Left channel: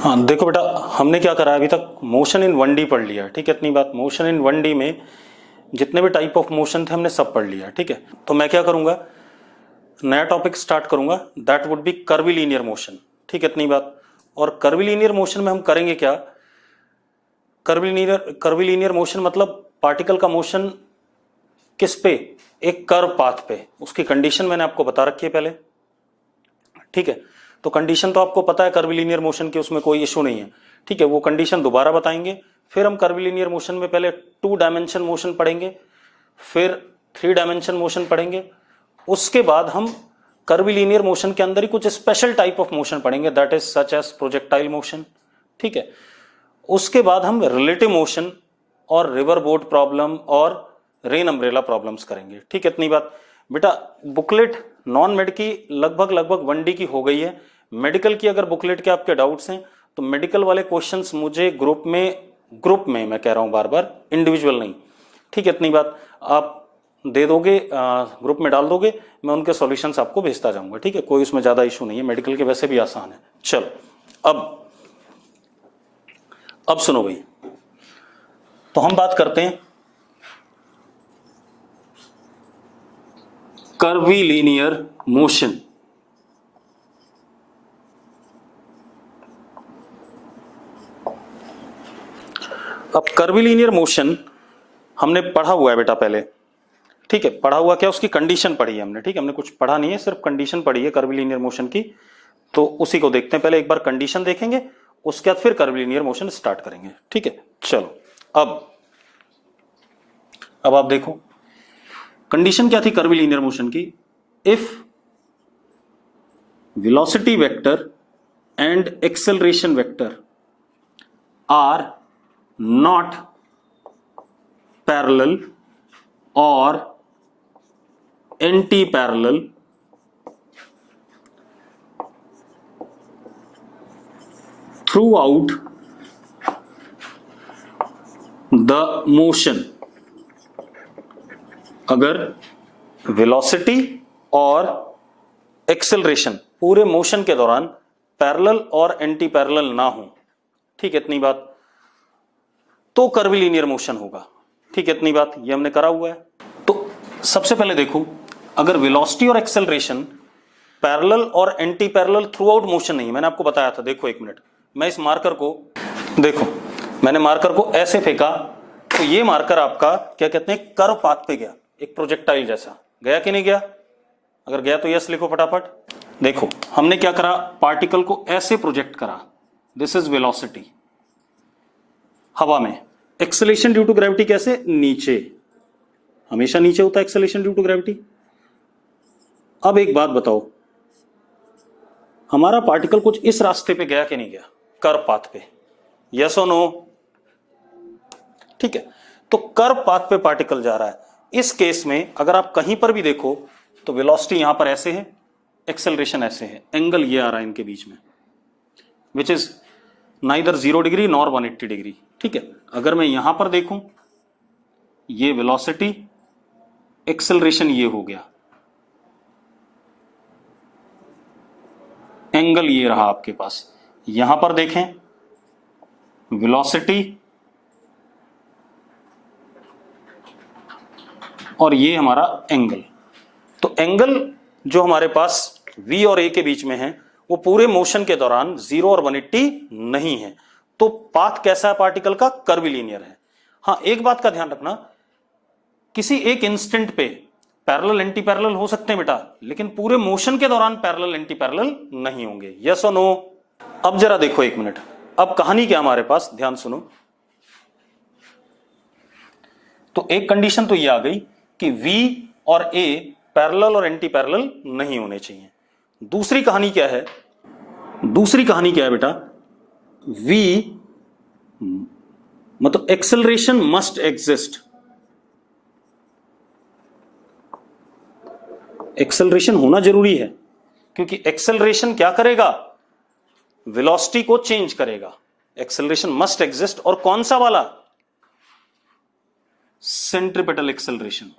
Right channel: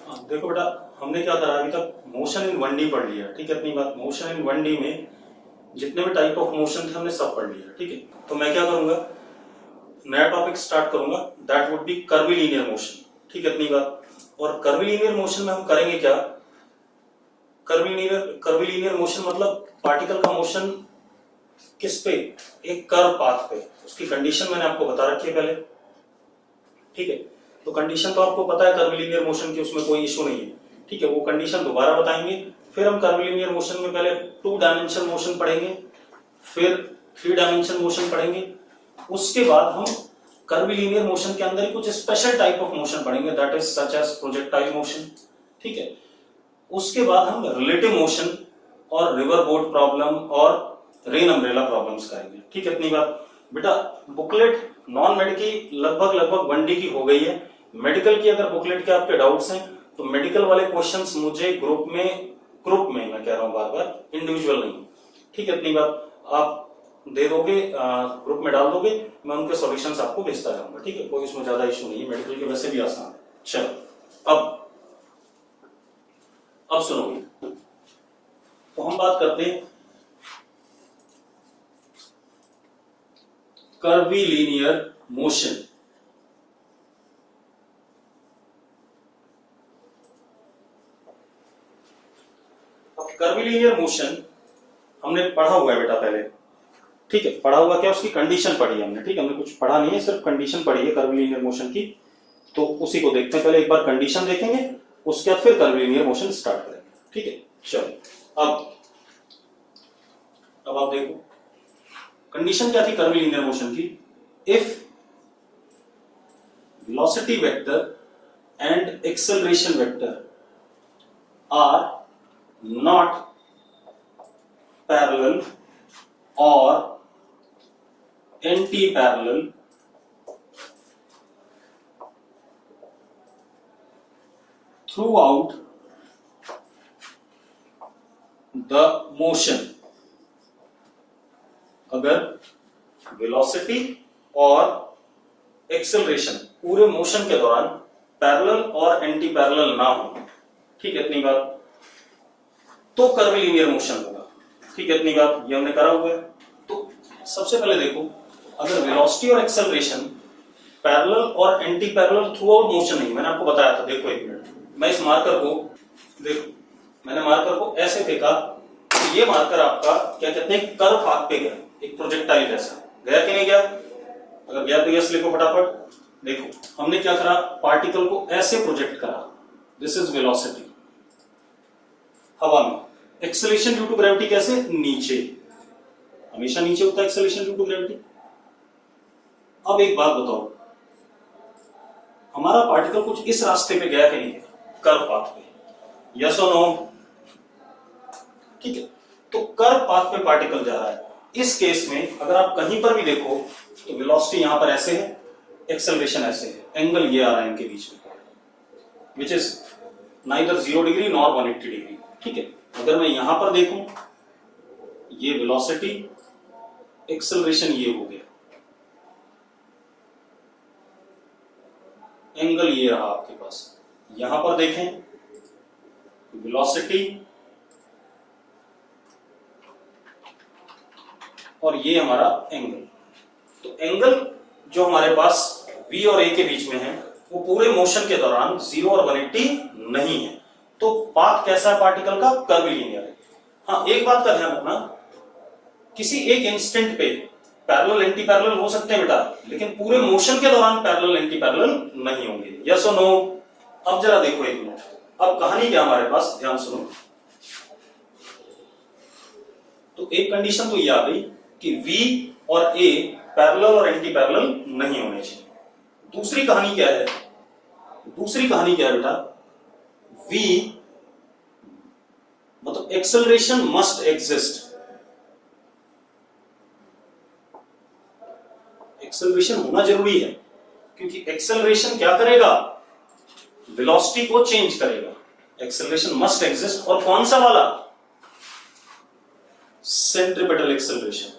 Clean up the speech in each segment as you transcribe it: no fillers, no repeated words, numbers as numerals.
हाँ देखो बेटा, हमने क्या करा अभी तक, मोशन इन 1D पढ़ लिया, ठीक है। इतनी बात, मोशन इन 1D में जितने भी टाइप ऑफ मोशन थे हमने सब पढ़ लिया, ठीक है। तो मैं क्या करूंगा, नया टॉपिक स्टार्ट करूंगा, that would be curvilinear motion, ठीक है। इतनी बात। और कर्वीलीनियर मोशन में हम करेंगे क्या, कर्वीलीनियर मोशन मतलब पार्टिकल का मोशन किस पे, एक कर्व पाथ पे। उसकी कंडीशन मैंने आपको बता रखी है पहले, ठीक है। तो कंडीशन तो आपको पता है कर्वीलीनियर मोशन की, उसमें कोई इशू नहीं है, ठीक है। वो कंडीशन दोबारा बताएंगे। फिर हम कर्वीलीनियर मोशन में पहले 2 डायमेंशन मोशन पढ़ेंगे, फिर 3 डायमेंशन मोशन पढ़ेंगे। उसके बाद हम कर्वीलीनियर मोशन के अंदर ही कुछ स्पेशल टाइप ऑफ मोशन पढ़ेंगे, that is such as projectile motion, ठीक है। उसके बाद हम रिलेटिव मोशन और रिवर बोट प्रॉब्लम और रेन अम्ब्रेला प्रॉब्लम्स करेंगे, ठीक है। इतनी बात बेटा। बुकलेट नॉन मेड की लगभग 1D की हो गई है। मेडिकल की अगर बुकलेट के आपके डाउट्स हैं तो मेडिकल वाले क्वेश्चंस मुझे ग्रुप में मैं कह रहा हूं बार बार, इंडिविजुअल नहीं, ठीक है। इतनी बात आप दे दोगे, ग्रुप में डाल दोगे, मैं उनके सॉल्यूशंस आपको भेजता जाऊंगा, ठीक है। कोई उसमें ज्यादा इशू नहीं है, मेडिकल के वैसे भी आसान है। चलो अब सुनो भाई, तो हम बात करते हैं कर्वीलीनियर मोशन। अब कर्वीलीनियर मोशन हमने पढ़ा हुआ है बेटा पहले, ठीक है। पढ़ा हुआ क्या, उसकी कंडीशन पढ़ी है हमने, ठीक है। हमने कुछ पढ़ा नहीं है, सिर्फ कंडीशन पढ़ी है कर्वीलीनियर मोशन की। तो उसी को देखते हैं, पहले एक बार कंडीशन देखेंगे, उसके बाद फिर कर्वीलीनियर मोशन स्टार्ट करेंगे, ठीक है। चलो अब आप देखो कंडीशन क्या थी कर्वीलीनियर मोशन की। If velocity vector and acceleration vector are not parallel or anti-parallel throughout the motion, अगर velocity और एक्सेलरेशन पूरे मोशन के दौरान पैरेलल और एंटी पैरेलल ना हो, ठीक है। इतनी बात, तो कर्वीलीनियर मोशन होगा, ठीक है। इतनी बात, ये हमने करा हुआ है। तो सबसे पहले देखो, अगर वेलोसिटी और एक्सेलरेशन पैरेलल और anti parallel through out motion नहीं, मैंने आपको बताया था। देखो एक मिनट, मैं इस मार्कर को, देखो मैंने मार्कर को ऐसे फेंका, तो ये मार्कर आपका क्या कहते हैं, कर्व पाथ पे गया, एक प्रोजेक्टाइल जैसा गया कि नहीं गया। अगर गया तो यस लिखो फटाफट। देखो हमने क्या करा, पार्टिकल को ऐसे प्रोजेक्ट करा, दिस इज वेलोसिटी हवा में। एक्सेलरेशन ड्यू टू ग्रेविटी कैसे, नीचे, हमेशा नीचे होता है एक्सेलरेशन ड्यू टू ग्रेविटी। अब एक बात बताओ, हमारा पार्टिकल कुछ इस रास्ते पे गया कि नहीं गया, कर्व पाथ पे, यस और नो, ठीक है। तो कर्व पाथ पे पार्टिकल जा रहा है। इस केस में अगर आप कहीं पर भी देखो तो वेलोसिटी यहां पर ऐसे है, एक्सेलरेशन ऐसे है, एंगल ये आ रहा है इनके बीच में, which is neither 0 degree nor 180 degree, ठीक है। अगर मैं यहां पर देखूं, ये वेलोसिटी, एक्सेलरेशन ये हो गया, एंगल ये रहा आपके पास। यहां पर देखें, वेलोसिटी और ये हमारा एंगल। तो एंगल जो हमारे पास v और a के बीच में है, वो पूरे मोशन के दौरान 0 और 180 नहीं है। तो पाथ कैसा है पार्टिकल का, कर्वीलीनियर है। हाँ, एक बात का ध्यान रखना, किसी एक इंस्टेंट पे पैरेलल एंटी पैरेलल हो सकते हैं बेटा, लेकिन पूरे मोशन के दौरान पैरेलल एंटी पैरेलल नहीं होंगे, यस और नो। अब जरा देखो एक मिनट, अब कहानी क्या हमारे पास, ध्यान सुनो। तो एक कंडीशन तो ये आ गई कि v और a पैरेलल और एंटी पैरेलल नहीं होने चाहिए। दूसरी कहानी क्या है, दूसरी कहानी क्या है बेटा, v मतलब एक्सेलरेशन मस्ट एग्जिस्ट। एक्सेलरेशन होना जरूरी है, क्योंकि एक्सेलरेशन क्या करेगा, वेलोसिटी को चेंज करेगा। एक्सेलरेशन मस्ट एग्जिस्ट, और कौन सा वाला, सेंट्रीपेटल एक्सेलरेशन।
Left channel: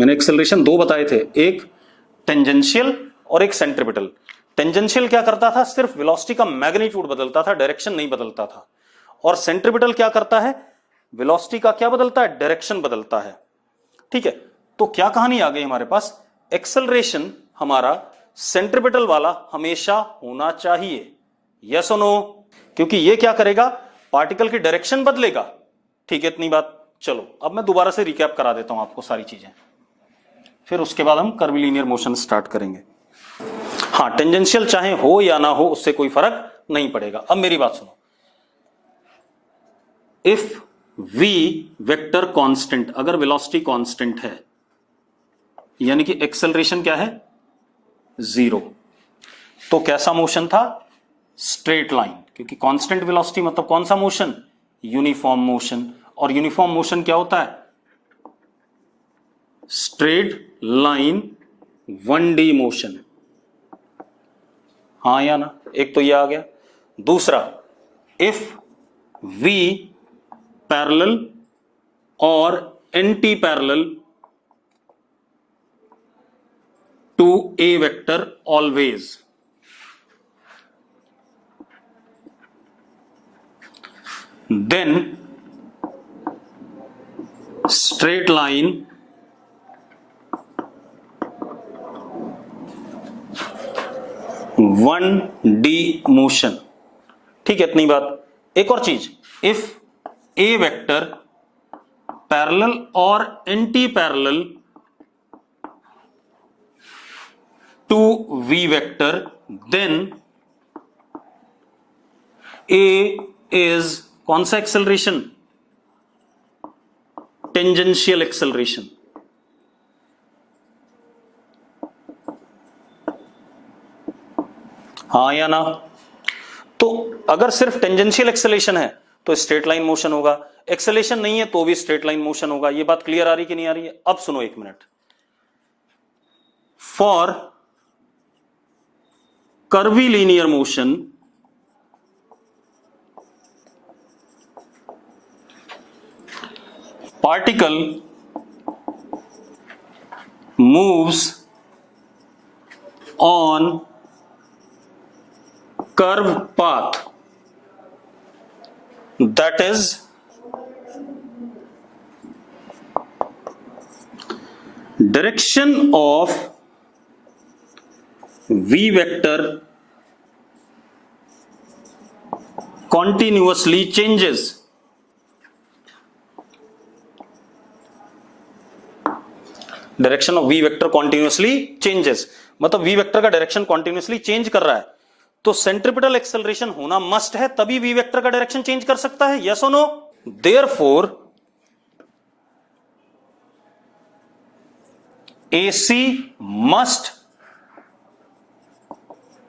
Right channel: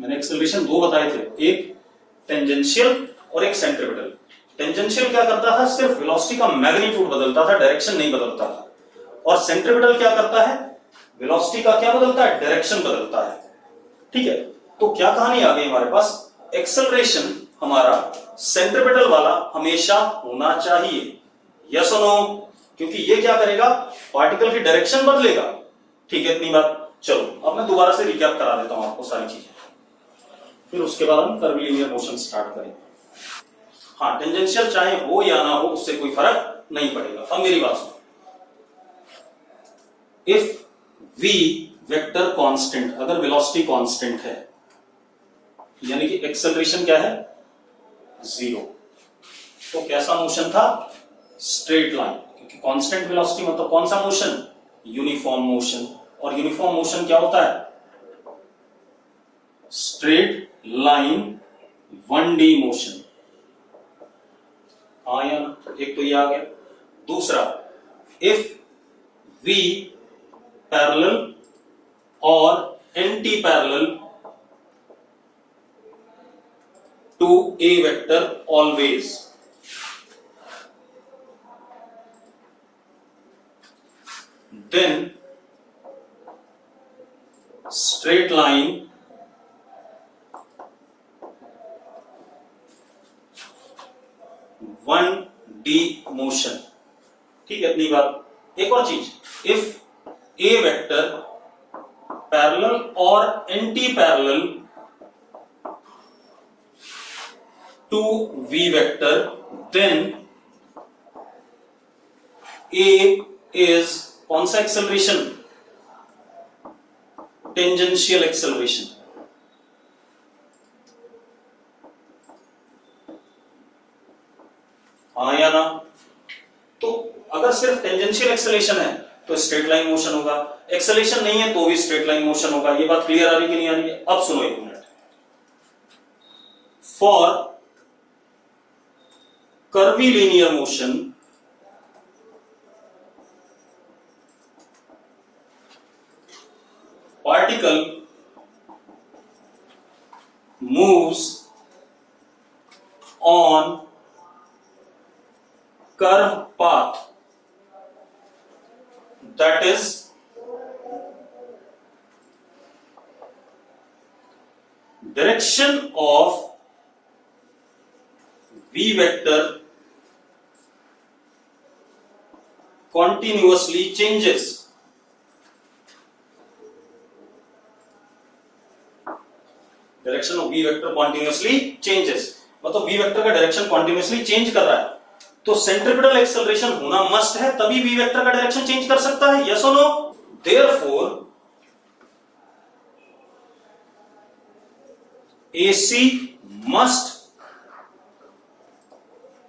मैंने एक्सेलरेशन दो बताए थे, एक टेंजेंशियल और एक सेंट्रिपिटल। टेंजेंशियल क्या करता था, सिर्फ वेलोसिटी का मैग्नीट्यूड बदलता था, डायरेक्शन नहीं बदलता था। और सेंट्रिपिटल क्या करता है, वेलोसिटी का क्या बदलता है, डायरेक्शन बदलता है। ठीक है, तो क्या कहानी आ गई हमारे पास, एक्सेलरेशन हमारा सेंट्रिपिटल वाला हमेशा होना चाहिए, यस और नो, क्योंकि ये क्या करेगा, पार्टिकल की डायरेक्शन बदलेगा। ठीक है, इतनी बात। चलो अब मैं दोबारा से रिकैप करा देता हूं आपको सारी चीजें, फिर उसके बाद हम कर्वीलिनियर मोशन स्टार्ट करेंगे। हाँ, टेंजेंशियल चाहे हो या ना हो उससे कोई फर्क नहीं पड़ेगा। अब मेरी बात सुनो, इफ v वेक्टर कांस्टेंट, अगर वेलोसिटी कांस्टेंट है यानी कि एक्सेलरेशन क्या है, 0, तो कैसा मोशन था, स्ट्रेट लाइन, क्योंकि कांस्टेंट वेलोसिटी मतलब कौन सा मोशन, यूनिफॉर्म मोशन। और यूनिफॉर्म मोशन क्या होता है, स्ट्रेट लाइन 1D मोशन। हाँ या ना, एक तो ये आ गया। दूसरा, इफ v पैरेलल और anti parallel to a vector always, then straight line 1D motion. ठीक है, इतनी बात। एक और चीज, इफ a वेक्टर पैरेलल और anti parallel to v vector, then a is कौन सा एक्सेलरेशन, टेंजेंशियल एक्सेलरेशन। हाँ या ना, तो अगर सिर्फ टेंजेंशियल एक्सेलरेशन है तो स्ट्रेट लाइन मोशन होगा, एक्सेलरेशन नहीं है तो भी स्ट्रेट लाइन मोशन होगा। ये बात क्लियर आ रही कि नहीं आ रही है? अब सुनो एक minute, for curvilinear motion particle moves on curved path, that is direction of v vector continuously changes। Direction of V vector continuously changes, मतलब वी वेक्टर का डायरेक्शन कॉन्टिन्यूसली चेंज कर रहा है, तो सेंट्रिपिटल एक्सेलरेशन होना मस्ट है, तभी वी वेक्टर का डायरेक्शन चेंज कर सकता है, यस और no. Therefore AC must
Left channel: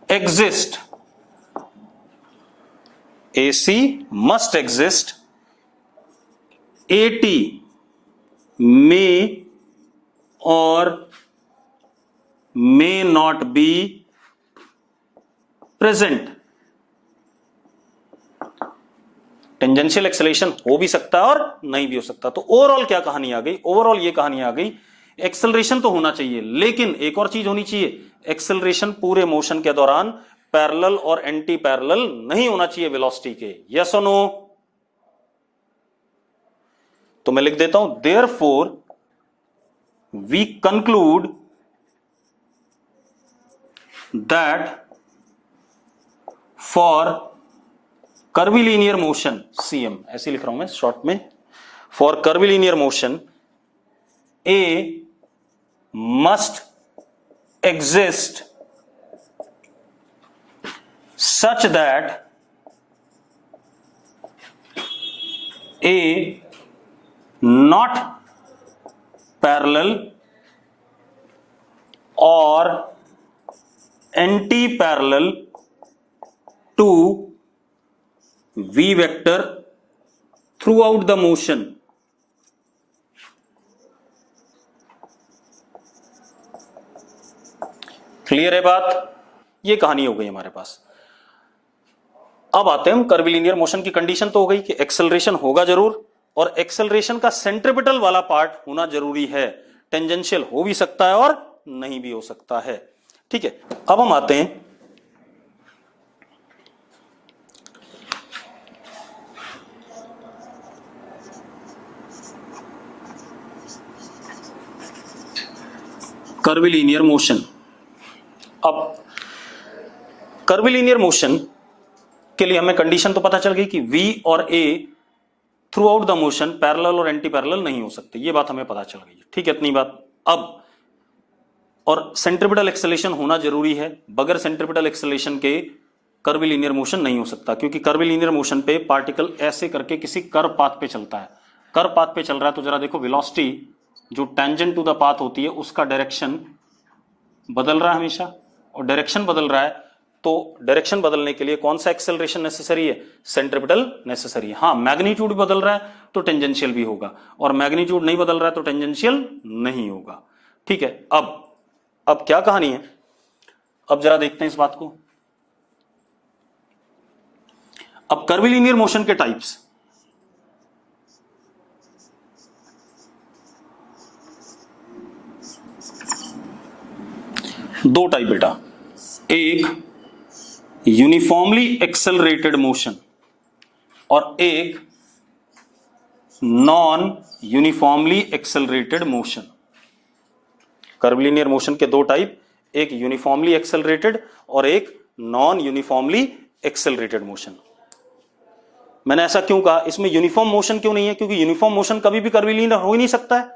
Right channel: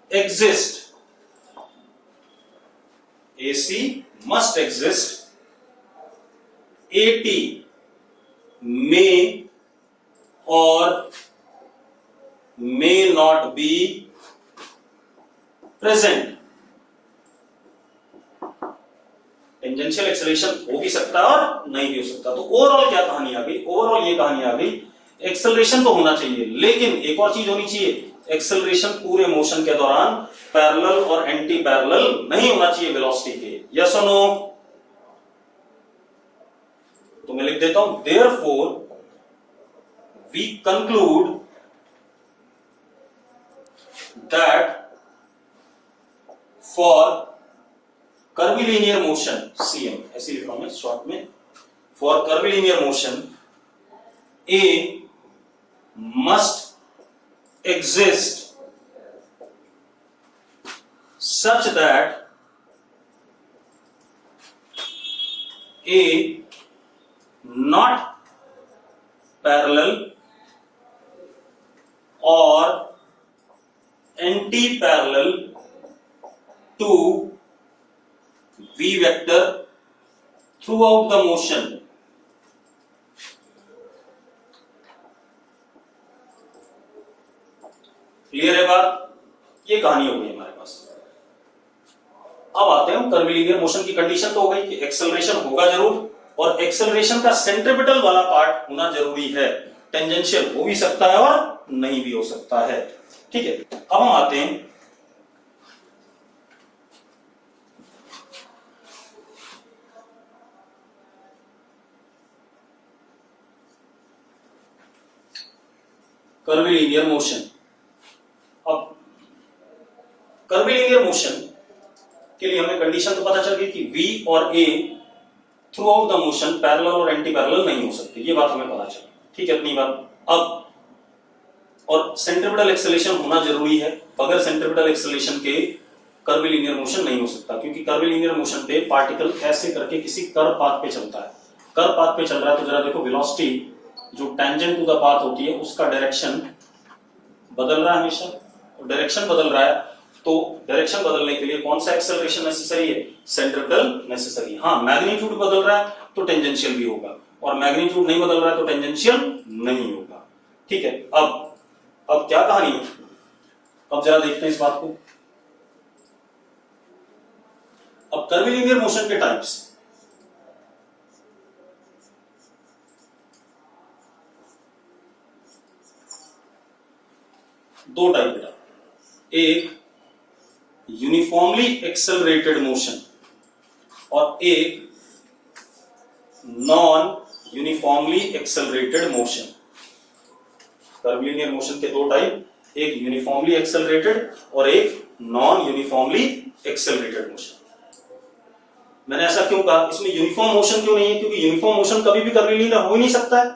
exist, AC must exist, AT may or may not be present। Tangential acceleration हो भी सकता है और नहीं भी हो सकता। तो ओवरऑल क्या कहानी आ गई, ओवरऑल ये कहानी आ गई, एक्सेलरेशन तो होना चाहिए, लेकिन एक और चीज होनी चाहिए, एक्सेलरेशन पूरे मोशन के दौरान पैरेलल और एंटी पैरेलल नहीं होना चाहिए वेलोसिटी के, यस और नो। तो मैं लिख देता हूं, therefore we conclude that for curvilinear motion CM, ऐसे लिख रहा हूं मैं शॉर्ट में, for curvilinear motion A must exist such that A not parallel or anti-parallel to v vector throughout the motion। Clear है बात? ये कहानी हो गई हमारे पास। अब आते हैं कर्वीलिनियर मोशन की कंडीशन तो हो गई कि एक्सेलरेशन होगा जरूर और एक्सेलरेशन का सेंट्रिपिटल वाला पार्ट होना जरूरी है, टेंजेंशियल हो भी सकता है और नहीं भी हो सकता है। ठीक है, अब हम आते हैं कर्विलीनियर मोशन। अब कर्विलीनियर मोशन के लिए हमें कंडीशन तो पता चल गई कि V और A through out the motion parallel और एंटी पैरेलल नहीं हो सकते, ये बात हमें पता चल गई है। ठीक है, इतनी बात। अब और सेंट्रीपिटल एक्सेलरेशन होना जरूरी है, बगैर सेंट्रीपिटल एक्सेलरेशन के कर्विलीनियर मोशन नहीं हो सकता, क्योंकि कर्विलीनियर मोशन पे पार्टिकल ऐसे करके किसी कर्व पाथ पे चलता है। कर्व पाथ पे चल रहा है तो जरा देखो, वेलोसिटी जो टेंजेंट टू द पाथ होती है उसका डायरेक्शन बदल रहा है हमेशा, और डायरेक्शन बदल रहा है तो डायरेक्शन बदलने के लिए कौन सा एक्सेलरेशन नेसेसरी है? सेंट्रीपिटल नेसेसरी है। हाँ, मैग्नीट्यूड बदल रहा है तो टेंजेंशियल भी होगा, और मैग्नीट्यूड नहीं बदल रहा है तो टेंजेंशियल नहीं होगा। ठीक है, अब क्या कहानी है, अब जरा देखते हैं इस बात को। अब कर्विलीनियर मोशन के टाइप्स, दो टाइप बेटा, एक यूनिफॉर्मली एक्सेलरेटेड मोशन और एक non uniformly accelerated motion. कर्विलीनियर motion के दो टाइप, एक यूनिफॉर्मली एक्सेलरेटेड और एक नॉन यूनिफॉर्मली एक्सेलरेटेड मोशन। मैंने ऐसा क्यों कहा, इसमें यूनिफॉर्म मोशन क्यों नहीं है? क्योंकि यूनिफॉर्म मोशन कभी भी कर्विलीनियर हो ही नहीं सकता है।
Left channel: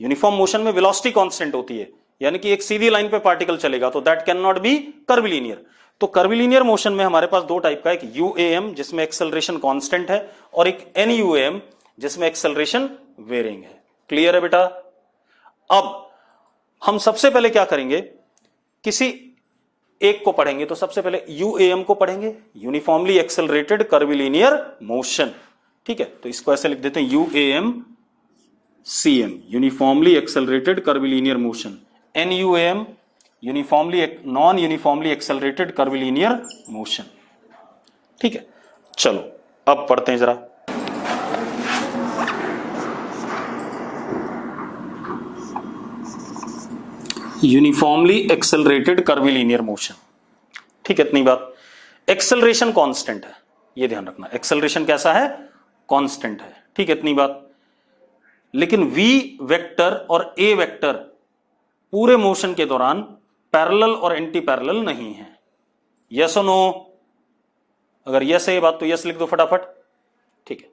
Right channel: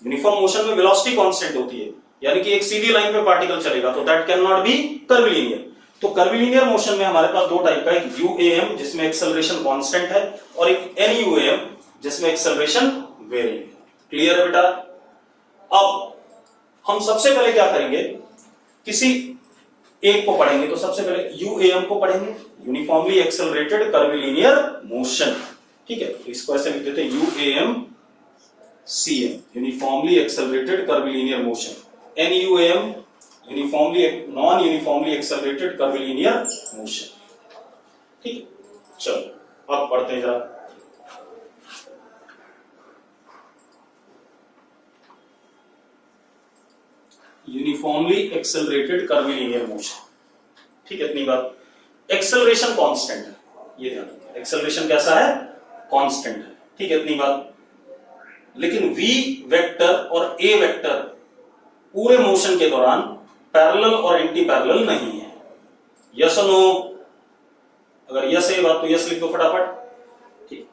यूनिफॉर्म मोशन में वेलोसिटी कांस्टेंट होती है, यानी कि एक सीधी लाइन पे पार्टिकल चलेगा, तो दैट कैन नॉट बी कर्विलीनियर। तो कर्विलीनियर मोशन में हमारे पास दो टाइप का, एक यूएएम जिसमें एक्सेलरेशन कांस्टेंट है, और एक एनयूएम जिसमें एक्सेलरेशन वेरिंग है। क्लियर है बेटा? अब हम सबसे पहले क्या करेंगे, किसी एक को पढ़ेंगे, तो सबसे पहले यूएएम को पढ़ेंगे, यूनिफॉर्मली एक्सेलरेटेड कर्विलीनियर मोशन। ठीक है, तो इसको ऐसे लिख देते हैं, UAM CM, uniformly accelerated curvilinear motion. NUM, non uniformly accelerated curvilinear motion. ठीक है, चलो अब पढ़ते हैं जरा। Uniformly accelerated curvilinear motion. ठीक है, इतनी बात। एक्सेलरेशन कांस्टेंट है, ये ध्यान रखना, एक्सेलरेशन कैसा है? कांस्टेंट है। ठीक है, इतनी बात। लेकिन v वेक्टर और a वेक्टर पूरे मोशन के दौरान पैरेलल और एंटी पैरेलल नहीं है। यस और नो? अगर यस है ये बात तो यस लिख दो फटाफट। ठीक है,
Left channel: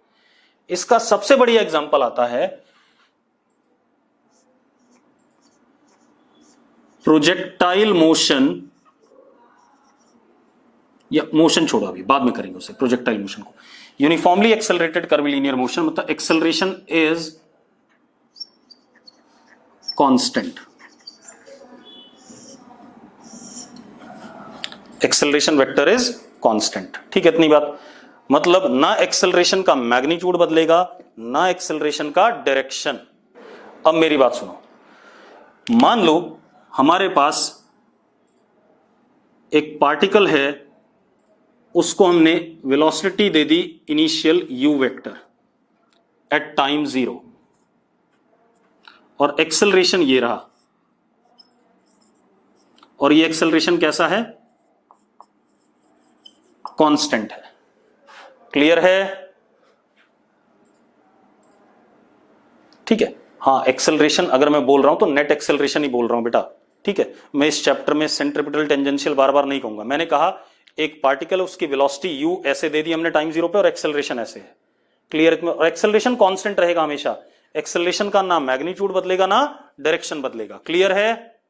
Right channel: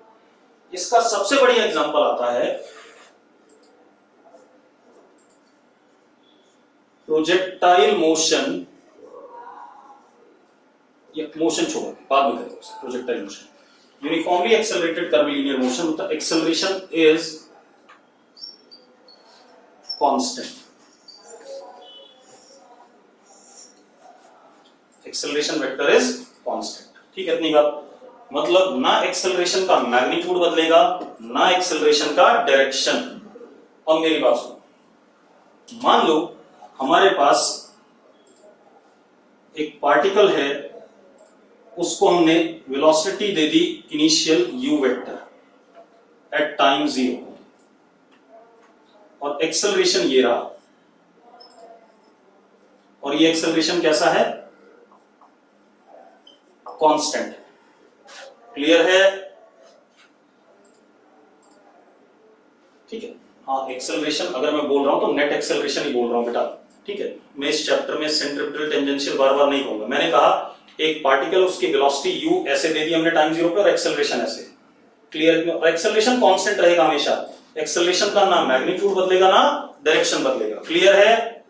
इसका सबसे बढ़िया एग्जांपल आता है प्रोजेक्टाइल मोशन, या मोशन छोड़ो अभी, बाद में करेंगे उसे, प्रोजेक्टाइल मोशन को। यूनिफॉर्मली एक्सेलरेटेड कर्विलीनियर मोशन मतलब acceleration is constant, acceleration vector is constant. ठीक है, इतनी बात। मतलब ना एक्सेलरेशन का मैग्नीट्यूड बदलेगा, ना एक्सेलरेशन का डायरेक्शन। अब मेरी बात सुनो, मान लो हमारे पास एक पार्टिकल है, उसको हमने velocity they the initial u vector at time 0, और एक्सेलरेशन ये रहा, और ये एक्सेलरेशन कैसा है? कांस्टेंट है। क्लियर है? ठीक है, हाँ, एक्सेलरेशन अगर मैं बोल रहा हूं तो नेट एक्सेलरेशन ही बोल रहा हूं बेटा। ठीक है, मैं इस चैप्टर में सेंट्रीपिटल टेंजेंशियल बार बार नहीं कहूंगा। मैंने कहा एक पार्टिकल, उसकी वेलोसिटी u ऐसे दे दी हमने टाइम 0 पे, और एक्सेलरेशन ऐसे है। क्लियर? और एक्सेलरेशन कांस्टेंट रहेगा हमेशा, एक्सेलरेशन का ना मैग्नीट्यूड बदलेगा ना डायरेक्शन बदलेगा। क्लियर है?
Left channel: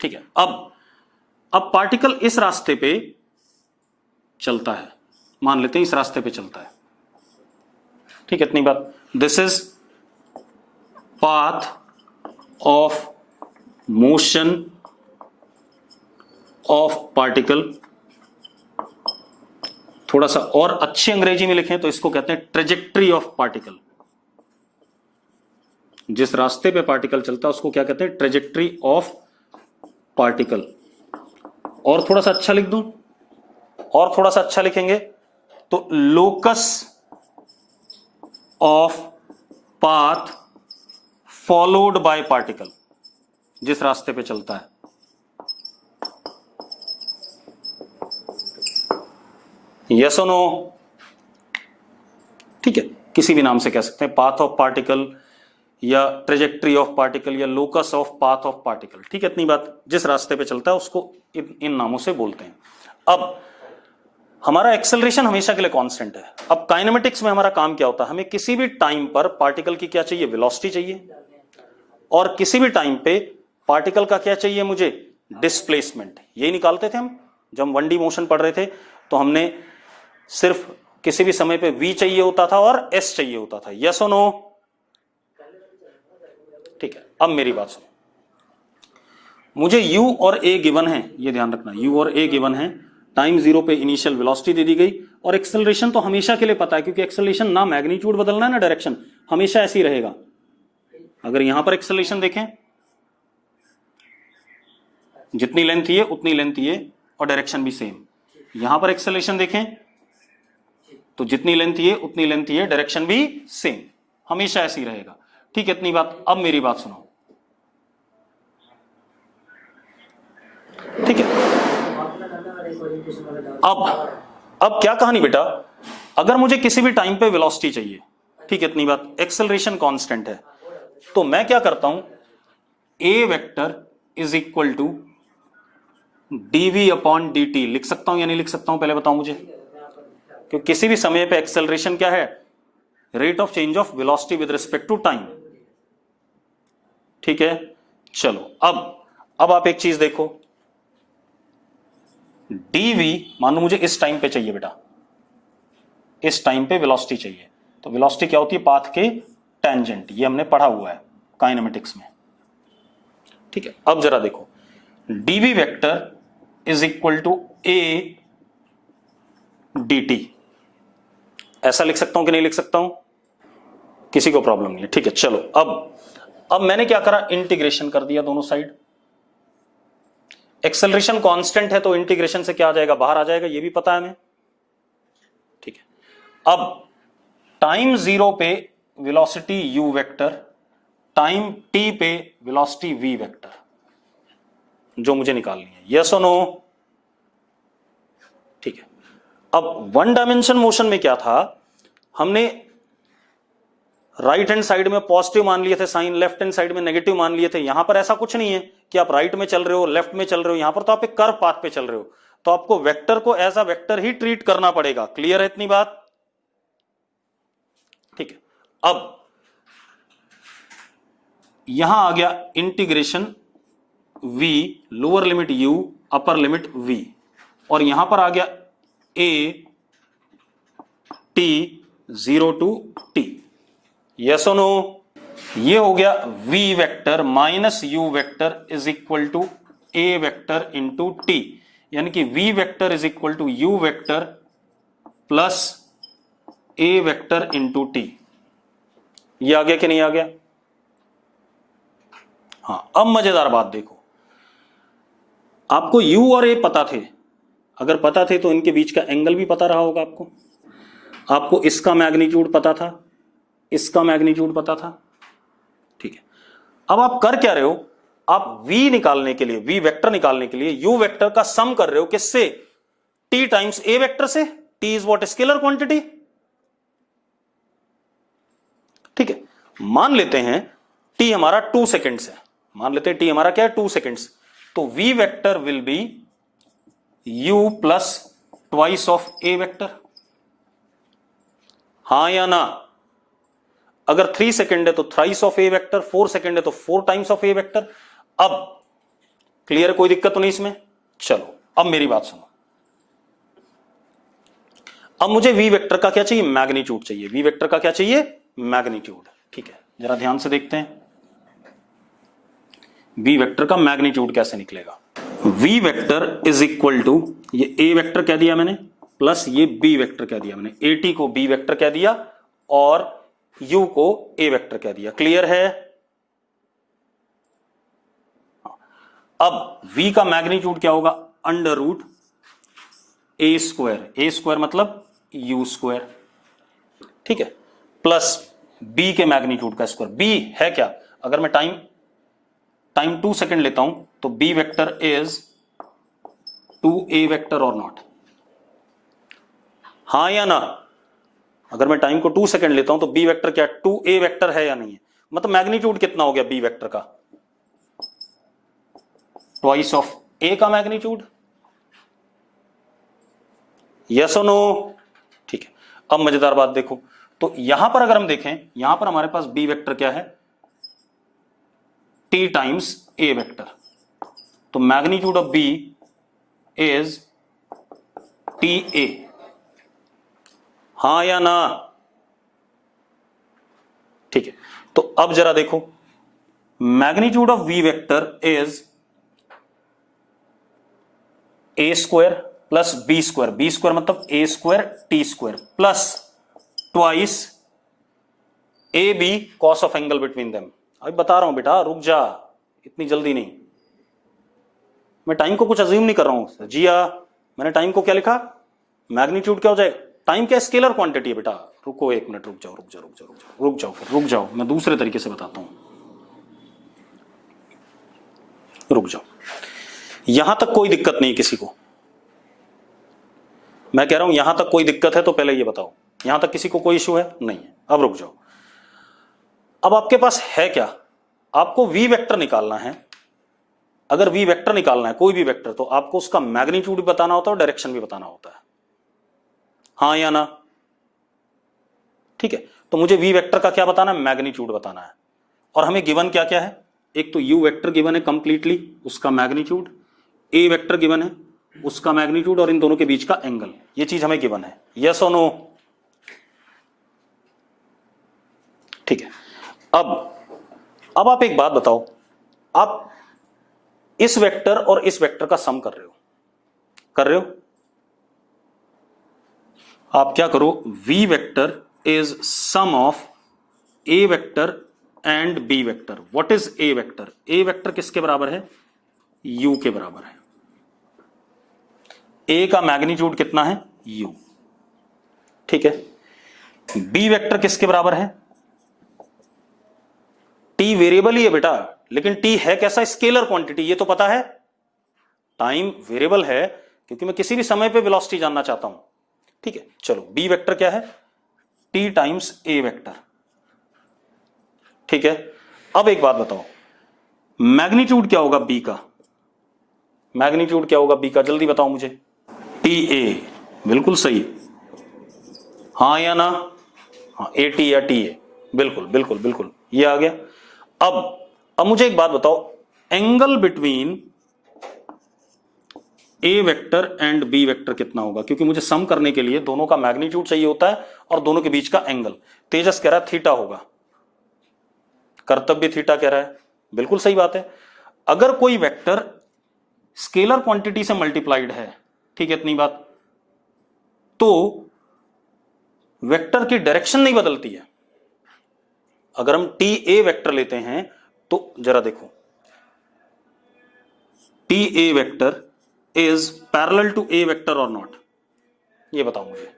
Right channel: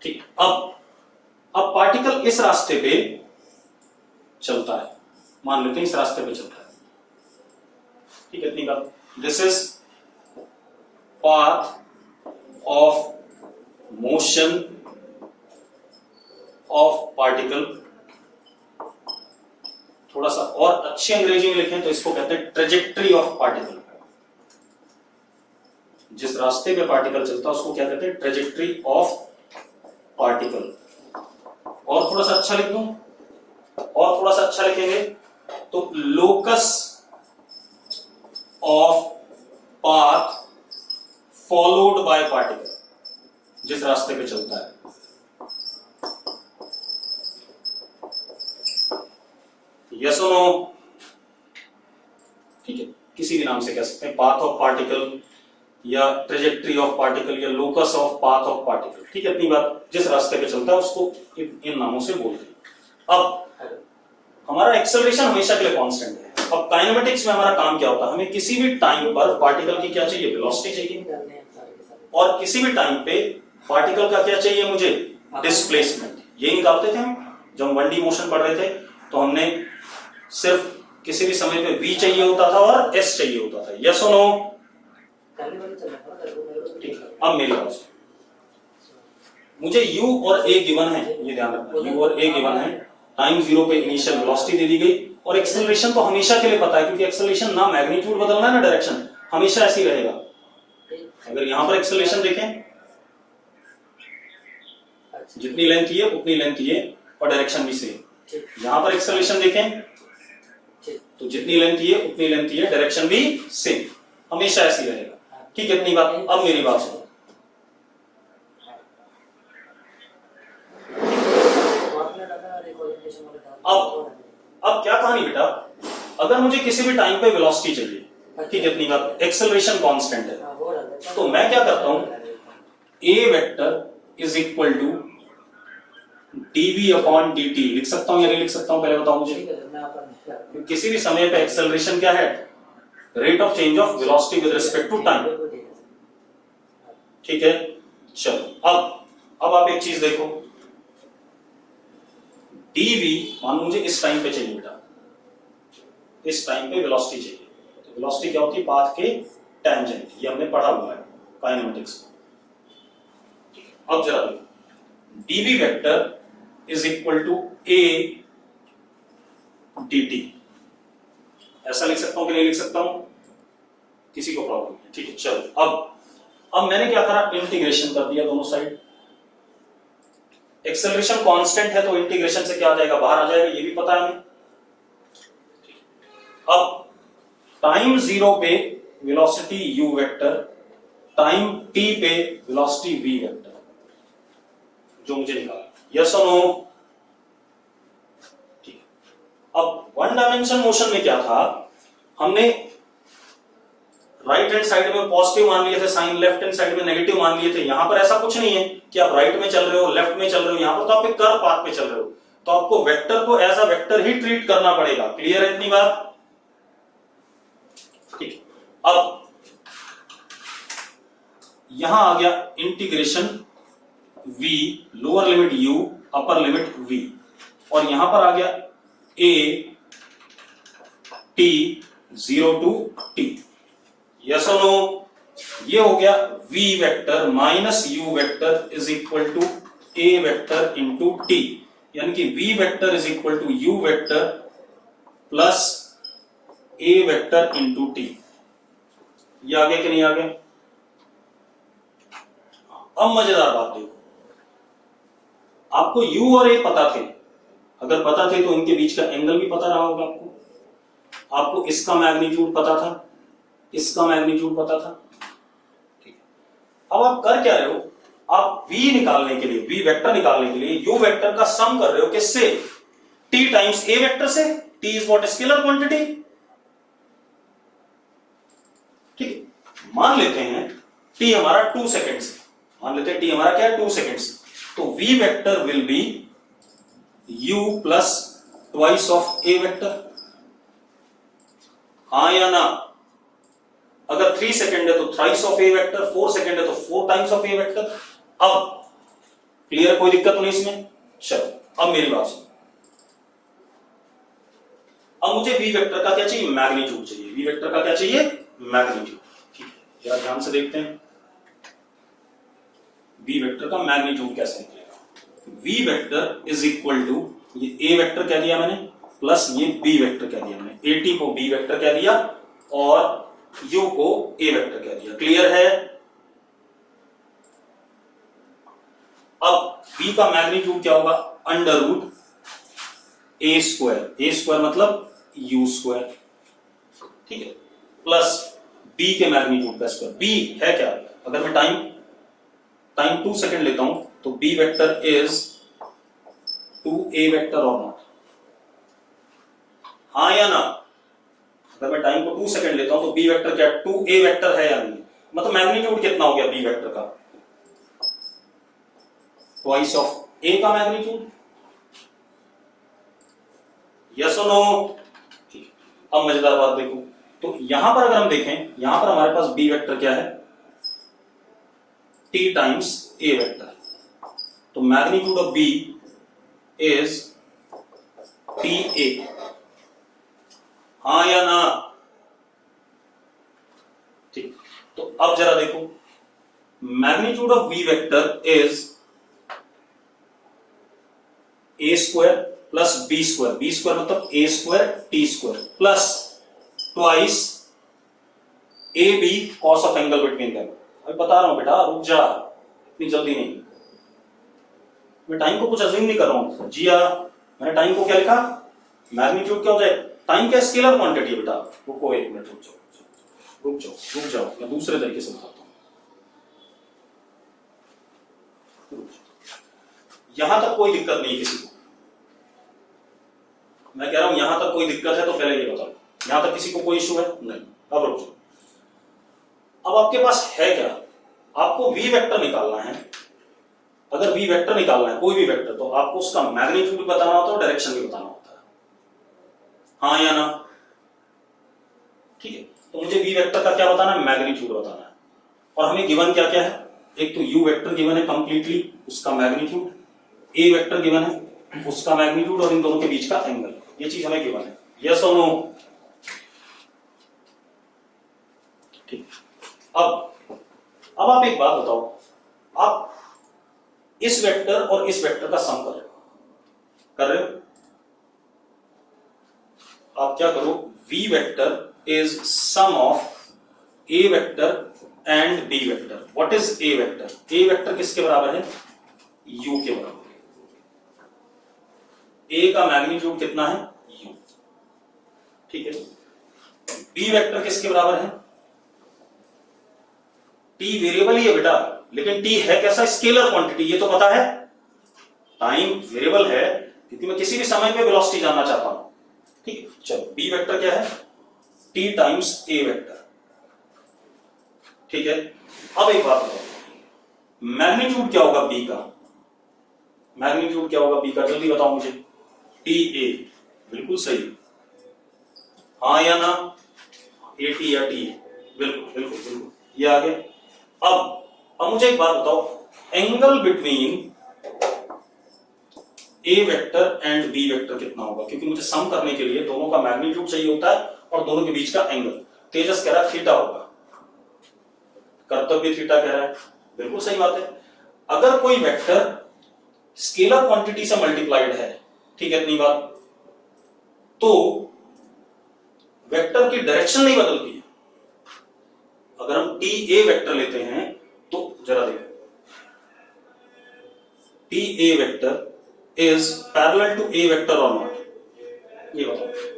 ठीक है, अब पार्टिकल इस रास्ते पे चलता है, मान लेते हैं इस रास्ते पे चलता है। ठीक है, इतनी बात। This is path of motion of particle. थोड़ा सा और अच्छी अंग्रेजी में लिखें तो इसको कहते हैं ट्रेजेक्ट्री ऑफ पार्टिकल। जिस रास्ते पे पार्टिकल चलता है उसको क्या कहते हैं? Trajectory of particle. और थोड़ा सा अच्छा लिख दूं, और थोड़ा सा अच्छा लिखेंगे तो locus of path followed by particle, जिस रास्ते पे चलता है। यस और नो? ठीक है, किसी भी नाम से कह सकते हैं, पाथ ऑफ पार्टिकल या ट्रेजेक्ट्री ऑफ पार्टिकल या locus of path of particle. ठीक है, इतनी बात, जिस रास्ते पे चलता है उसको इन नामों से बोलते हैं। अब हमारा एक्सेलरेशन हमेशा के लिए कांस्टेंट है। अब काइनेमेटिक्स में हमारा काम क्या होता है, हमें किसी भी टाइम पर पार्टिकल की क्या चाहिए, वेलोसिटी चाहिए, और किसी भी टाइम पे पार्टिकल का क्या चाहिए मुझे, डिस्प्लेसमेंट। ये निकालते थे हम जब हम 1D मोशन पढ़ रहे थे, तो हमने सिर्फ किसी भी समय पे v चाहिए होता था और s चाहिए होता था। यस और नो? ठीक है, अब मेरी बात सुनो, मुझे u और a गिवन है, ये ध्यान रखना, u और a गिवन है, टाइम 0 पे इनिशियल वेलोसिटी दे दी गई, और एक्सेलरेशन तो हमेशा के लिए पता है, क्योंकि एक्सेलरेशन ना मैग्नीट्यूड बदलना है ना डायरेक्शन, हमेशा ऐसे ही रहेगा। अगर यहां पर एक्सेलरेशन देखें, जितनी लेंथ ये उतनी लेंथ ये, और डायरेक्शन भी सेम। यहां पर एक्सेलरेशन देखें तो जितनी लेंथ ये उतनी लेंथ ये, डायरेक्शन भी सेम, हमेशा ऐसे ही रहेगा। ठीक है, इतनी बात। अब मेरी बात सुनो, ठीक है, अब क्या कहानी बेटा, अगर मुझे किसी भी टाइम पे वेलोसिटी चाहिए, ठीक है, इतनी बात, एक्सेलरेशन कांस्टेंट है, तो मैं क्या करता हूं, a vector is equal to dv upon dt लिख सकता हूं या नहीं लिख सकता हूं, पहले बताओ मुझे, क्योंकि किसी भी समय पे एक्सेलरेशन क्या है, rate of change of velocity with respect to time. ठीक है, चलो अब आप एक चीज देखो, dv मान लो मुझे इस टाइम पे चाहिए बेटा, इस टाइम पे वेलोसिटी चाहिए, तो वेलोसिटी क्या होती है, पाथ के टेंजेंट, ये हमने पढ़ा हुआ है काइनेमेटिक्स में। ठीक है, अब जरा देखो, dv vector is equal to a dt, ऐसा लिख सकता हूं कि नहीं लिख सकता हूं, किसी को प्रॉब्लम नहीं है। ठीक है, चलो अब मैंने क्या करा, इंटीग्रेशन कर दिया दोनों साइड। एक्सेलरेशन कांस्टेंट है तो इंटीग्रेशन से क्या आ जाएगा, बाहर आ जाएगा, ये भी पता है हमें। ठीक है, अब टाइम 0 पे velocity u vector, time t पे वेलोसिटी v वेक्टर, जो मुझे निकालनी है। यस और नो? ठीक है, अब 1 डायमेंशन मोशन में क्या था, हमने राइट हैंड साइड में पॉजिटिव मान लिए थे साइन, लेफ्ट हैंड साइड में नेगेटिव मान लिए थे। यहां पर ऐसा कुछ नहीं है कि आप राइट में चल रहे हो लेफ्ट में चल रहे हो, यहां पर तो आप एक कर्व पाथ पे चल रहे हो, तो आपको वेक्टर को एज अ वेक्टर ही ट्रीट करना पड़ेगा। क्लियर है इतनी बात? ठीक है, अब यहां आ गया integration v, lower limit u, upper limit v, और यहां पर आ गया a t 0 to t। Yes और नो? ये हो गया v vector minus u vector is equal to a vector into t, यानी कि v vector is equal to u vector plus a vector into t। ये आ गया कि नहीं आ गया? हाँ, अब मजेदार बात देखो, आपको u और a पता थे, अगर पता थे तो इनके बीच का एंगल भी पता रहा होगा आपको इसका मैग्नीट्यूड पता था, इसका मैग्नीट्यूड पता था। ठीक है, अब आप कर क्या रहे हो, आप v निकालने के लिए, v वेक्टर निकालने के लिए u वेक्टर का सम कर रहे हो, किससे, t टाइम्स a वेक्टर से। t is what, scalar quantity. ठीक है, मान लेते हैं t हमारा 2 सेकेंड्स है, मान लेते हैं t हमारा क्या है, 2 सेकेंड्स, तो v vector will be u plus twice of a vector. हां या ना? अगर 3 सेकेंड है तो thrice of a vector, 4 second है तो 4 टाइम्स ऑफ a वेक्टर। अब क्लियर है, कोई दिक्कत तो नहीं इसमें? चलो, अब मेरी बात सुनो, अब मुझे v वेक्टर का क्या चाहिए, मैग्नीट्यूड चाहिए। v वेक्टर का क्या चाहिए, मैग्नीट्यूड। ठीक है, जरा ध्यान से देखते हैं v वेक्टर का मैग्नीट्यूड कैसे निकलेगा। v vector is equal to, ये a वेक्टर कह दिया मैंने, प्लस ये b वेक्टर कह दिया मैंने, at को b वेक्टर कह दिया और u को a वेक्टर कह दिया। क्लियर है? अब v का मैग्नीट्यूड क्या होगा, अंडर रूट a स्क्वायर मतलब u स्क्वायर। ठीक है, प्लस b के मैग्नीट्यूड का स्क्वायर। b है क्या, अगर मैं टाइम 2 सेकंड लेता हूं तो B vector is 2a vector और नॉट, हाँ या ना? अगर मैं टाइम को 2 सेकंड लेता हूं तो बी वेक्टर क्या 2a वेक्टर है या नहीं? मतलब मैग्नीट्यूड कितना हो गया बी वेक्टर का? ट्वाइस ऑफ ए का मैग्नीट्यूड। यस और नो? ठीक है। अब मजेदार बात देखो, तो यहां पर अगर हम देखें, यहां पर हमारे पास बी वेक्टर क्या है? T times A vector. तो magnitude of B is T A, हाँ या ना? ठीक है। तो अब जरा देखो, magnitude of V vector is A square plus B square, B square मतलब A square T square plus twice A B cos of angle between them. अभी बता रहा हूं बेटा, रुक जा, इतनी जल्दी नहीं। मैं टाइम को कुछ अज्यूम नहीं कर रहा हूं जी। मैंने टाइम को क्या लिखा? मैग्नीट्यूड क्या हो जाए? टाइम क्या स्केलर क्वांटिटी है बेटा। रुको एक मिनट, रुक जाओ, फिर रुक जाओ, मैं दूसरे तरीके से बताता हूं। रुक जाओ, यहां तक कोई दिक्कत नहीं किसी को। मैं कह रहा हूं यहां तक कोई दिक्कत है तो पहले ये बताओ, यहां तक किसी को कोई इशू है? नहीं है। अब रुक जाओ, अब आपके पास है क्या? आपको वी वेक्टर निकालना है। अगर वी वेक्टर निकालना है, कोई भी वेक्टर, तो आपको उसका मैग्नीट्यूड भी बताना होता है और डायरेक्शन भी बताना होता है, हाँ या ना? ठीक है। तो मुझे वी वेक्टर का क्या बताना है? मैग्नीट्यूड बताना है। और हमें गिवन क्या क्या है? एक तो यू वेक्टर गिवन है कंप्लीटली, उसका मैग्नीट्यूड, ए वेक्टर गिवन है उसका मैग्नीट्यूड, और इन दोनों के बीच का एंगल, ये चीज हमें गिवन है। यस और नो? ठीक है। अब आप एक बात बताओ, आप इस वेक्टर और इस वेक्टर का सम कर रहे हो? आप क्या करो? v vector is sum of a vector and b vector. What is a vector? a vector किसके बराबर है? u के बराबर है। a का मैग्नीट्यूड कितना है? u। ठीक है। b वेक्टर किसके बराबर है? t वेरिएबल ही है बेटा, लेकिन t है कैसा? स्केलर क्वांटिटी, ये तो पता है। टाइम वेरिएबल है क्योंकि मैं किसी भी समय पे वेलोसिटी जानना चाहता हूं। ठीक है, चलो b वेक्टर क्या है? t times a vector. ठीक है। अब एक बात बताओ, मैग्नीट्यूड क्या होगा b का? मैग्नीट्यूड क्या होगा b का? जल्दी बताओ मुझे। ta, बिल्कुल सही, हाँ या ना? हाँ, at या ta, बिल्कुल बिल्कुल बिल्कुल, ये आ गया। अब मुझे एक बात बताओ, angle between A vector and B vector कितना होगा? क्योंकि मुझे सम करने के लिए दोनों का मैग्नीट्यूड चाहिए होता है और दोनों के बीच का एंगल। तेजस कह रहा है थीटा होगा, कर्तव्य थीटा कह रहा है, बिल्कुल सही बात है। अगर कोई वेक्टर स्केलर क्वांटिटी से मल्टीप्लाइड है, ठीक है, इतनी बात, तो वेक्टर की डायरेक्शन नहीं बदलती है। अगर हम टी ए वेक्टर लेते हैं तो जरा देखो, T A vector is parallel to A vector और नॉट? ये बताओ मुझे।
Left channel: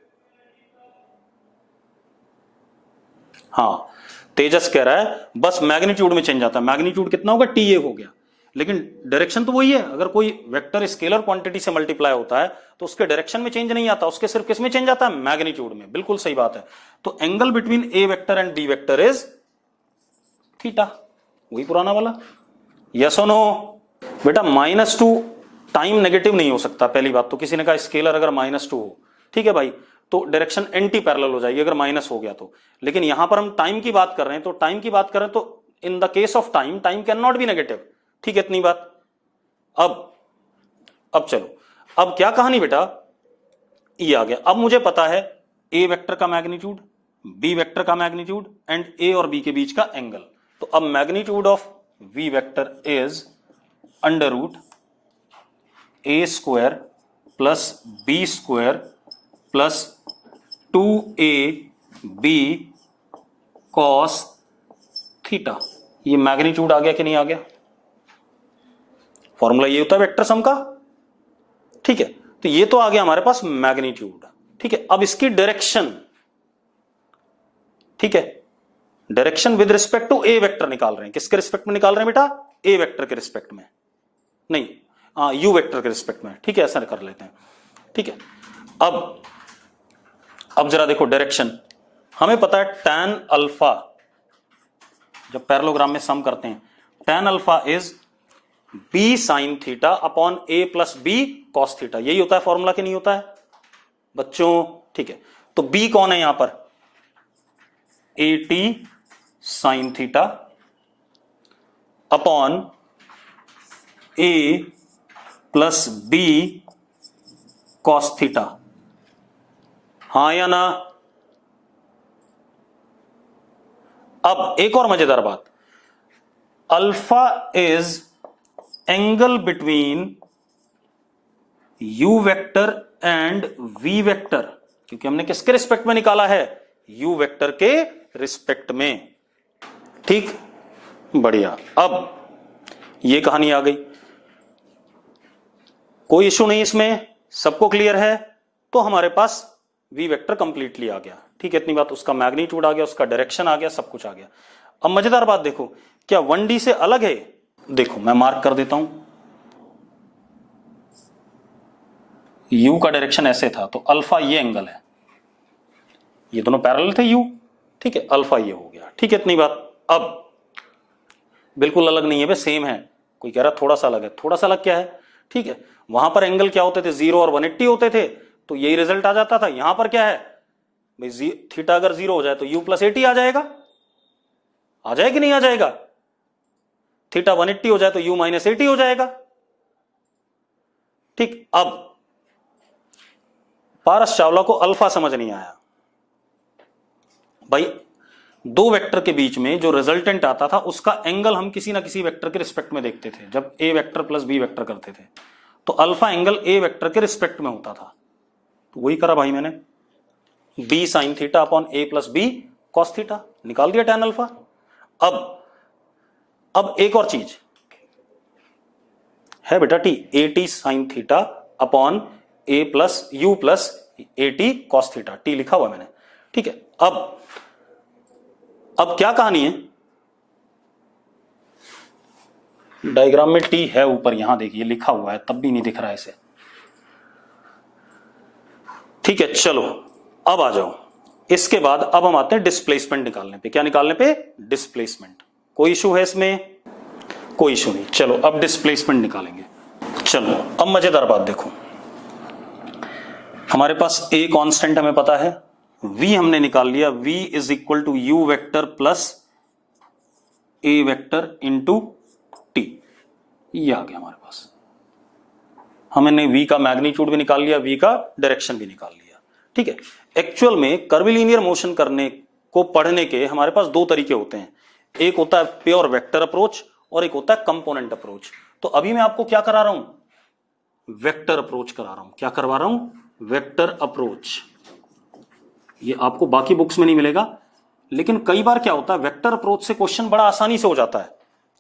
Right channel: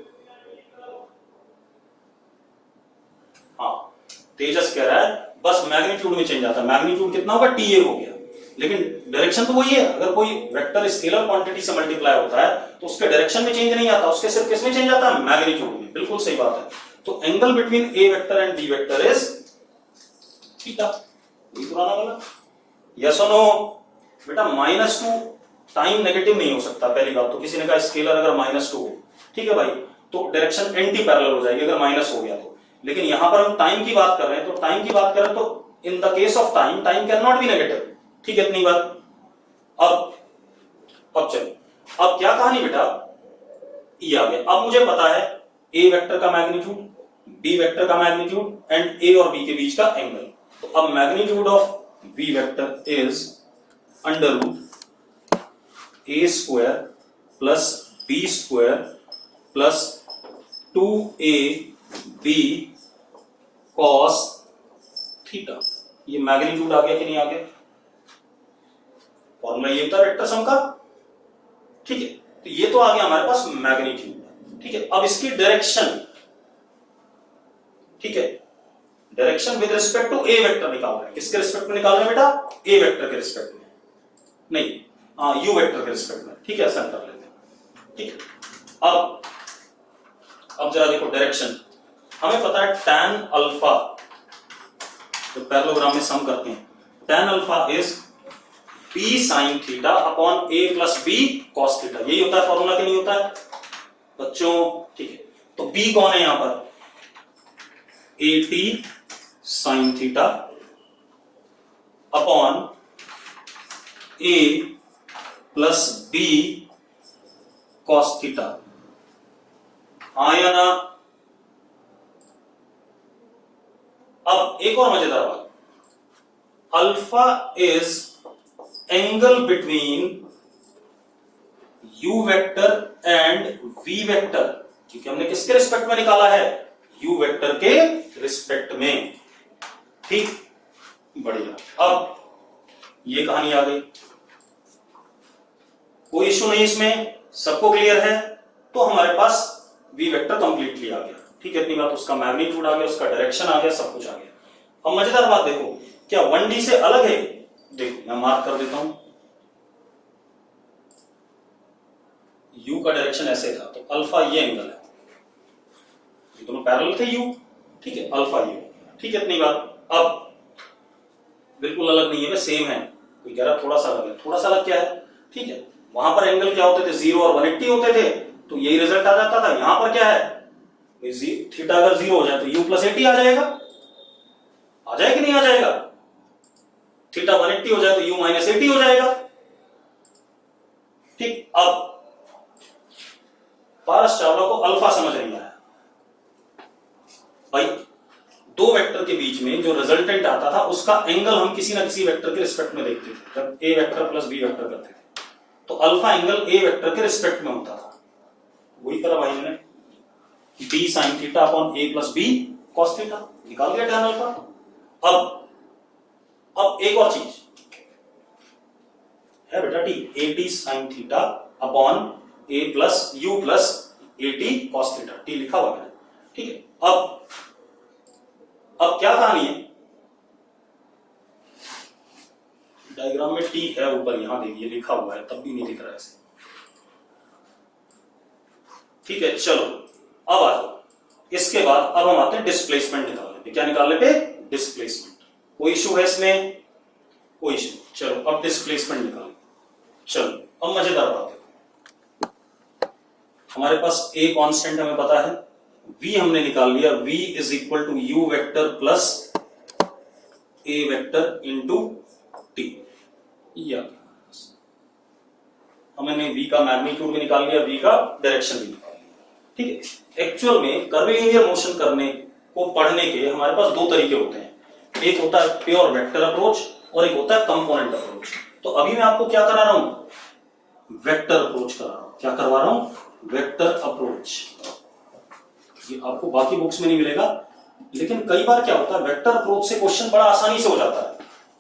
हाँ, तेजस कह रहा है बस मैग्नीट्यूड में चेंज आता है। मैग्नीट्यूड कितना होगा? टी ए हो गया, लेकिन डायरेक्शन तो वही है। अगर कोई वेक्टर स्केलर क्वांटिटी से मल्टीप्लाई होता है तो उसके डायरेक्शन में चेंज नहीं आता, उसके सिर्फ किस में चेंज आता है? मैग्नीट्यूड में। बिल्कुल सही बात है। तो angle between A vector and B vector is theta, वही पुराना वाला। यस और नो? बेटा -2 टाइम नेगेटिव नहीं हो सकता, पहली बात तो। किसी ने कहा स्केलर अगर -2 हो, ठीक है भाई, तो डायरेक्शन एंटी पैरेलल हो जाएगी अगर माइनस हो गया तो। लेकिन यहां पर हम टाइम की बात कर रहे हैं, तो टाइम की बात कर रहे हैं तो in the case of time can not be negative. ठीक है, इतनी बात। अब चलो, अब क्या कहानी बेटा? ये आ गया। अब मुझे पता है ए वेक्टर का मैग्नीट्यूड, बी वेक्टर का मैग्नीट्यूड एंड ए और बी के बीच का एंगल। तो अब magnitude of V vector is under root A square plus B square plus 2ab cos theta. ये मैग्नीट्यूड आ गया कि नहीं आ गया? फॉर्मूला ये होता है वेक्टर सम का। ठीक है, तो ये तो आ गया हमारे पास मैग्नीट्यूड। ठीक है, अब इसकी डायरेक्शन, ठीक है, direction with respect to A vector निकाल रहे हैं। किसके रिस्पेक्ट में निकाल रहे हैं बेटा? ए वेक्टर के रिस्पेक्ट में, नहीं यू वेक्टर के रिस्पेक्ट में। ठीक है, ऐसा कर लेते हैं। ठीक है, अब जरा देखो डायरेक्शन, हमें पता है tan अल्फा, जब पैरेललोग्राम में सम करते हैं, tan alpha is b sin theta upon a plus b cos theta. यही होता है फॉर्मूला कि नहीं होता है बच्चों? ठीक है, तो b कौन है यहां पर? at sin theta upon a plus b cos theta. हाँ या ना? अब एक और मजेदार बात, alpha is angle between u vector and v vector, क्योंकि हमने किसके रिस्पेक्ट में निकाला है? u वेक्टर के रिस्पेक्ट में। ठीक, बढ़िया। अब ये कहानी आ गई, कोई इशू नहीं इसमें, सबको क्लियर है? तो हमारे पास v वेक्टर कंप्लीटली आ गया। ठीक है, इतनी बात, उसका मैग्नीट्यूड आ गया, उसका डायरेक्शन आ गया, सब कुछ आ गया। अब मजेदार बात देखो, क्या 1D से अलग है? देखो मैं मार्क कर देता हूं, u का डायरेक्शन ऐसे था, तो अल्फा ये एंगल है, ये दोनों पैरेलल थे u। ठीक है, अल्फा ये हो गया। ठीक है, इतनी बात। अब बिल्कुल अलग नहीं है भाई, सेम है। कोई कह रहा थोड़ा सा अलग है, थोड़ा सा अलग क्या है? ठीक है, वहां पर एंगल क्या होते थे? 0 और 180 होते थे, तो यही रिजल्ट आ जाता था। यहां पर क्या है भाई, थीटा अगर 0 हो जाए तो u प्लस 80 आ जाएगा, आ जाएगा कि नहीं आ जाएगा? थीटा 180 हो जाए तो u माइनस 80 हो जाएगा। ठीक, अब पारस चावला को अल्फा समझ नहीं आया भाई, दो वेक्टर के बीच में जो रिजल्टेंट आता था उसका एंगल हम किसी ना किसी वेक्टर के रिस्पेक्ट में देखते थे। जब A vector plus B vector करते थे तो अल्फा एंगल ए वेक्टर के रिस्पेक्ट में होता था, तो वही करा भाई मैंने, b sine theta upon a plus B cos theta, निकाल दिया tan अल्फा। अब एक और चीज है बेटा, T A T sign theta upon a plus you plus A T cos theta, T लिखा हुआ मैंने। ठीक है, अब क्या कहानी है, डायग्राम में टी है ऊपर, यहां देखिए लिखा हुआ है, तब भी नहीं दिख रहा है इसे। ठीक है, चलो अब आ जाओ। इसके बाद अब हम आते हैं डिस्प्लेसमेंट निकालने पे। क्या निकालने पे? डिस्प्लेसमेंट। कोई इशू है इसमें? कोई इशू नहीं। चलो अब डिस्प्लेसमेंट निकालेंगे। चलो अब मजेदार बात देखो, हमारे पास ए कांस्टेंट हमें पता है, v हमने निकाल लिया, v is equal to U vector plus A vector into T, ये आ गया हमारे पास। हमने v का मैग्नीट्यूड भी निकाल लिया, v का डायरेक्शन भी निकाल लिया। ठीक है, एक्चुअल में कर्वीलिनियर मोशन करने को पढ़ने के हमारे पास दो तरीके होते हैं, एक होता है प्योर वेक्टर अप्रोच और एक होता है कंपोनेंट अप्रोच। तो अभी मैं आपको क्या करा रहा हूं? वेक्टर अप्रोच करा रहा हूं। क्या करवा रहा हूं? Vector approach. ये आपको बाकी बुक्स में नहीं मिलेगा, लेकिन कई बार क्या होता है, वेक्टर अप्रोच से क्वेश्चन बड़ा आसानी से हो जाता है।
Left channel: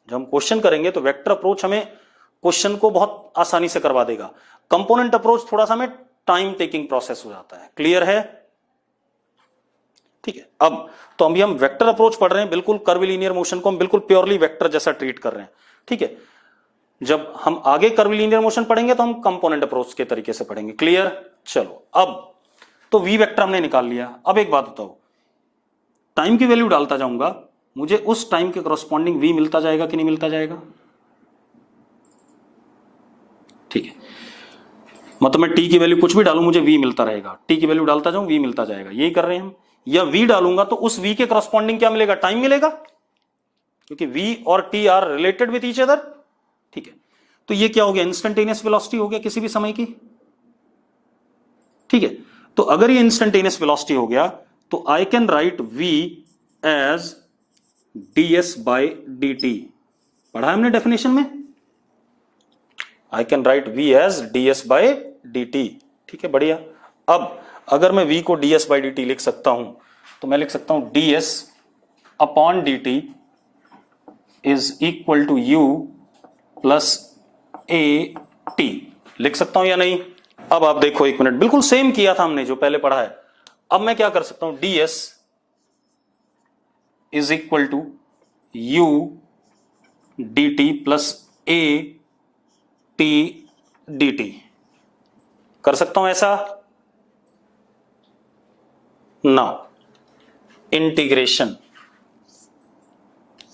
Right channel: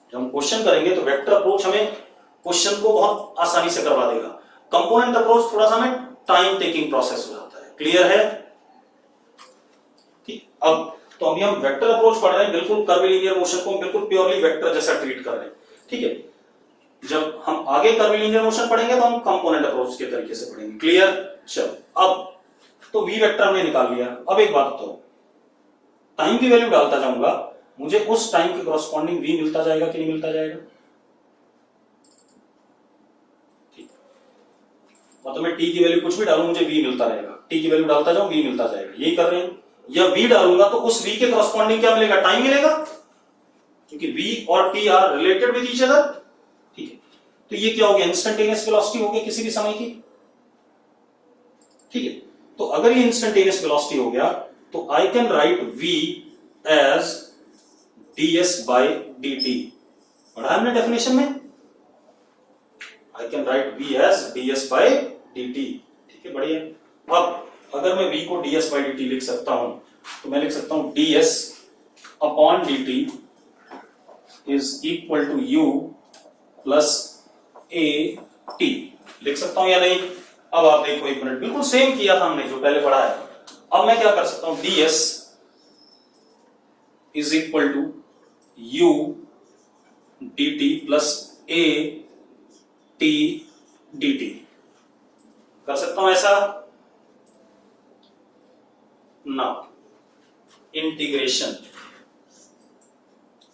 जब हम क्वेश्चन करेंगे तो वेक्टर अप्रोच हमें क्वेश्चन को बहुत आसानी से करवा देगा। कंपोनेंट अप्रोच थोड़ा सा हमें टाइम टेकिंग प्रोसेस हो जाता है। क्लियर है? ठीक है, अब तो अभी हम वेक्टर अप्रोच पढ़ रहे हैं, बिल्कुल कर्वीलिनियर मोशन को हम बिल्कुल प्योरली वेक्टर जैसा ट्रीट कर रहे हैं। ठीक है, जब हम आगे कर्वीलिनियर मोशन पढ़ेंगे तो हम कंपोनेंट अप्रोच के तरीके से पढ़ेंगे। क्लियर? चलो, अब तो v वेक्टर हमने निकाल लिया। अब एक बात बताओ, टाइम की वैल्यू डालता जाऊंगा, मुझे उस टाइम के कॉरस्पॉन्डिंग v मिलता जाएगा कि नहीं मिलता जाएगा? ठीक है, मतलब मैं t की वैल्यू कुछ भी डालूं, मुझे v मिलता रहेगा। t की वैल्यू डालता जाऊं, v मिलता जाएगा। यही कर रहे हैं हम। या v डालूंगा तो उस v के कॉरस्पॉन्डिंग क्या मिलेगा? टाइम मिलेगा, क्योंकि v और t are related with each other. ठीक है, तो ये क्या हो गया? इंस्टेंटेनियस वेलोसिटी हो गया किसी भी समय की। ठीक है, तो अगर ये इंस्टेंटेनियस वेलोसिटी हो गया तो I can write v as ds by dt। पढ़ा है हमने डेफिनेशन में, I can write v as ds by dt। ठीक है, बढ़िया। अब अगर मैं v को ds बाई dt लिख सकता हूं तो मैं लिख सकता हूं ds upon dt is equal to u plus a t। लिख सकता हूं या नहीं? अब आप देखो, एक मिनट, बिल्कुल सेम किया था हमने जो पहले पढ़ा है। अब मैं क्या कर सकता हूं? ds is equal to U D T plus A T D T. कर सकता हूं ऐसा? नाउ इंटीग्रेशन,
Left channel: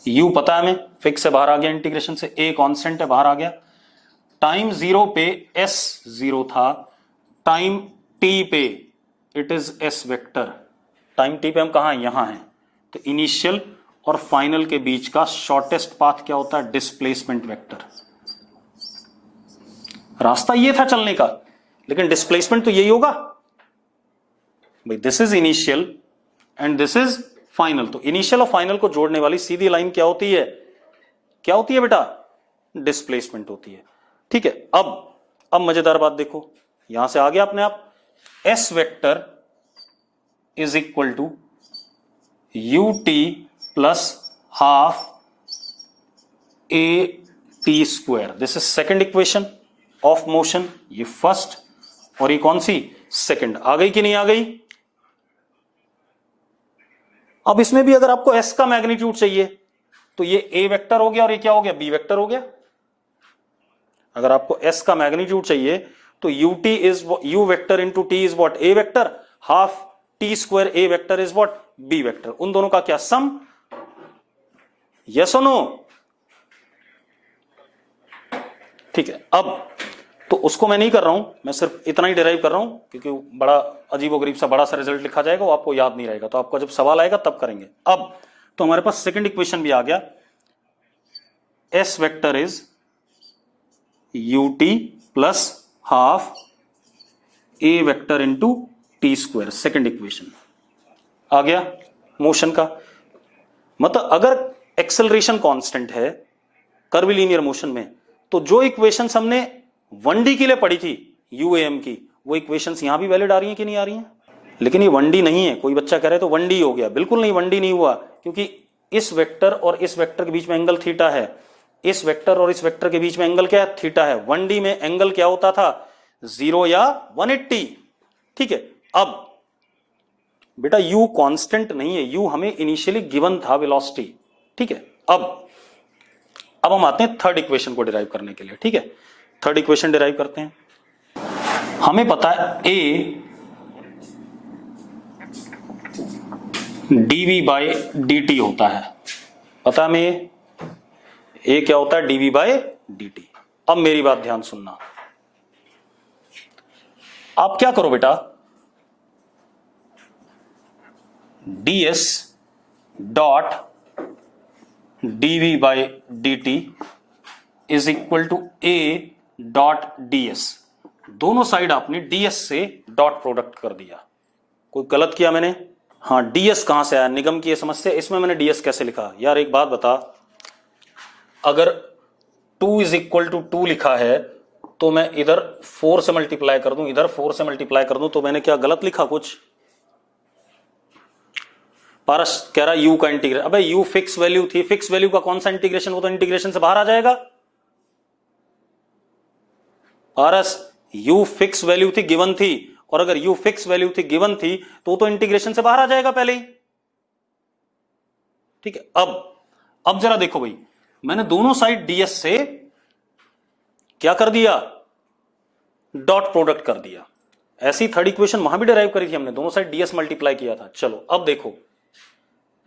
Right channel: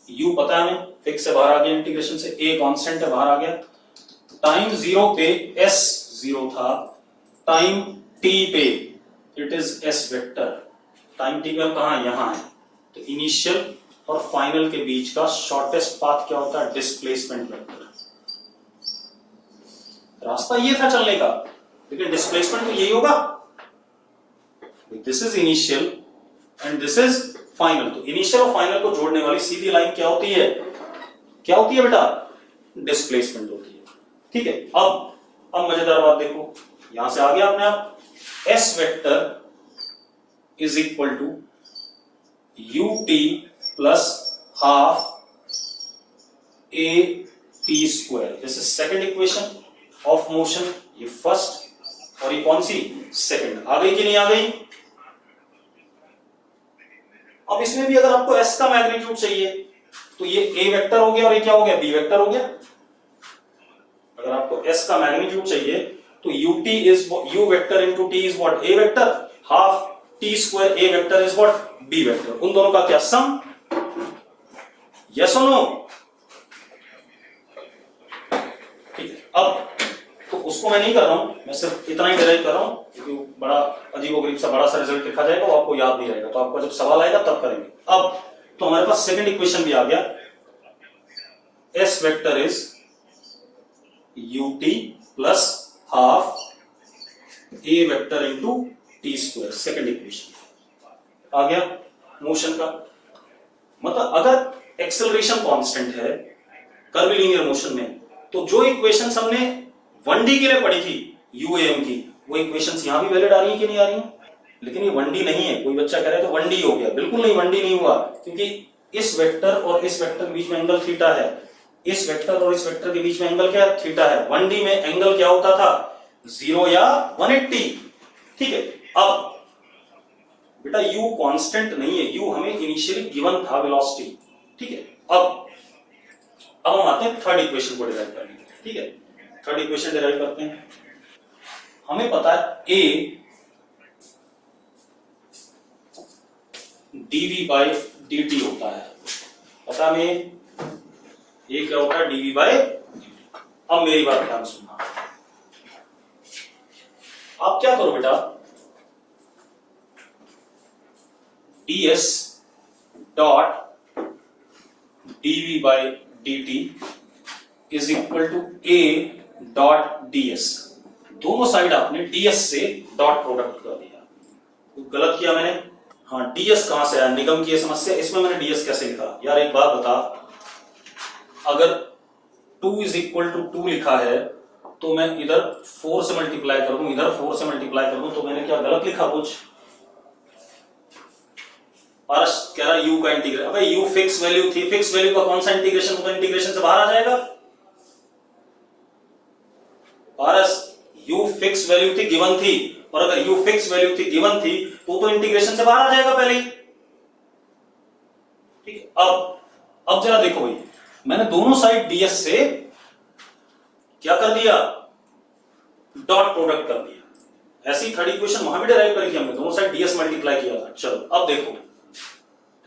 u पता है हमें, फिक्स से बाहर आ गया, इंटीग्रेशन से a कांस्टेंट है बाहर आ गया, टाइम जीरो पे s जीरो था, टाइम t पे it is s vector, time t पे हम कहां हैं, यहां हैं, तो इनिशियल और फाइनल के बीच का शॉर्टेस्ट पाथ क्या होता है, डिस्प्लेसमेंट वेक्टर। रास्ता ये था चलने का, लेकिन डिस्प्लेसमेंट तो यही होगा भाई, this is initial and this is final, तो इनिशियल और फाइनल को जोड़ने वाली सीधी लाइन क्या होती है, क्या होती है बेटा, डिस्प्लेसमेंट होती है। ठीक है, अब मजेदार बात देखो, यहां से आ गया अपने आप, S vector is equal to U T plus half A T square, this is second equation of motion, ये फर्स्ट और ये कौन सी, सेकेंड। आ गई कि नहीं आ गई? अब इसमें भी अगर आपको s का मैग्नीट्यूड चाहिए तो ये a वेक्टर हो गया और ये क्या हो गया, b वेक्टर हो गया। अगर आपको s का मैग्नीट्यूड चाहिए तो ut is u vector into t is what, a vector, half t square a vector is what, b vector, उन दोनों का क्या सम, यस और नो? ठीक है, अब तो उसको मैं नहीं कर रहा हूं, मैं सिर्फ इतना ही डिराइव कर रहा हूं क्योंकि बड़ा अजीबोगरीब सा बड़ा सा रिजल्ट लिखा जाएगा, वो आपको याद नहीं रहेगा, तो आपका जब सवाल आएगा तब करेंगे। अब तो हमारे पास सेकंड इक्वेशन भी आ गया, S vector is U T plus half A vector into T square, second equation आ गया मोशन का। मतलब अगर एक्सेलरेशन कांस्टेंट है कर्वीलिनियर मोशन में, तो जो इक्वेशंस हमने 1D के लिए पढ़ी थी UAM की, वो इक्वेशंस यहां भी वैलिड आ रही हैं कि नहीं आ रही हैं? लेकिन ये 1D नहीं है, कोई बच्चा कह रहा है तो 1D हो गया, बिल्कुल नहीं 1D नहीं हुआ, क्योंकि इस वेक्टर और इस वेक्टर के बीच में एंगल थीटा है, इस वेक्टर और इस वेक्टर के बीच में एंगल क्या है, थीटा है। 1D में एंगल क्या होता था, 0 या 180। ठीक है, अब बेटा u कांस्टेंट नहीं है, u हमें इनिशियली गिवन था वेलोसिटी। ठीक है, अब हम आते हैं थर्ड इक्वेशन को डिराइव करने के लिए। ठीक है, थर्ड इक्वेशन डिराइव करते हैं। हमें पता है a dv बाय dt होता है, पता है हमें a क्या होता है, dv बाय dt। अब मेरी बात ध्यान सुनना, आप क्या करो बेटा, ds dot dv by dt is equal to a dot ds, दोनों साइड आपने ds से डॉट प्रोडक्ट कर दिया। कोई गलत किया मैंने? हाँ, ds कहां से आया, निगम की समस्या, इसमें मैंने ds कैसे लिखा यार, एक बात बता, अगर 2 इज इक्वल टू 2 लिखा है तो मैं इधर 4 से मल्टीप्लाई कर दूं, इधर 4 से मल्टीप्लाई कर दूं, तो मैंने क्या गलत लिखा कुछ? पारस कह रहा u का इंटीग्रेशन, अबे u फिक्स वैल्यू थी, फिक्स वैल्यू का कौन सा इंटीग्रेशन होता है, इंटीग्रेशन से बाहर आ जाएगा। पारस u फिक्स वैल्यू थी, गिवन थी, और अगर u फिक्स वैल्यू थी, गिवन थी, तो इंटीग्रेशन से बाहर आ जाएगा पहले ही। ठीक है, अब जरा देखो भाई, मैंने दोनों साइड ds से क्या कर दिया, डॉट प्रोडक्ट कर दिया। ऐसी थर्ड इक्वेशन वहां भी डिराइव करी थी हमने, दोनों साइड ds मल्टीप्लाई किया था। चलो अब देखो,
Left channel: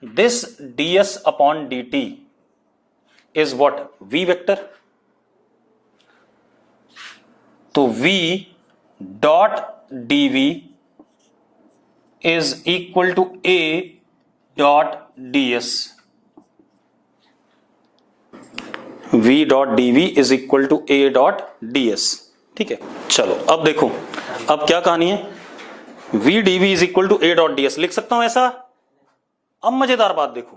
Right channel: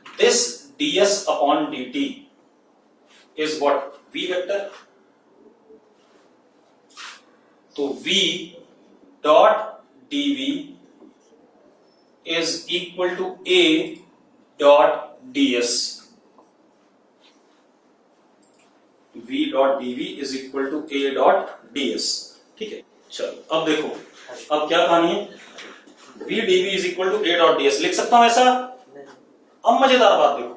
this ds upon dt is what, v vector, तो v dot dv is equal to a dot ds, v dot dv is equal to a dot ds। ठीक है, चलो अब देखो, अब क्या कहानी है, v dv is equal to a dot ds लिख सकता हूं ऐसा? अब मजेदार बात देखो,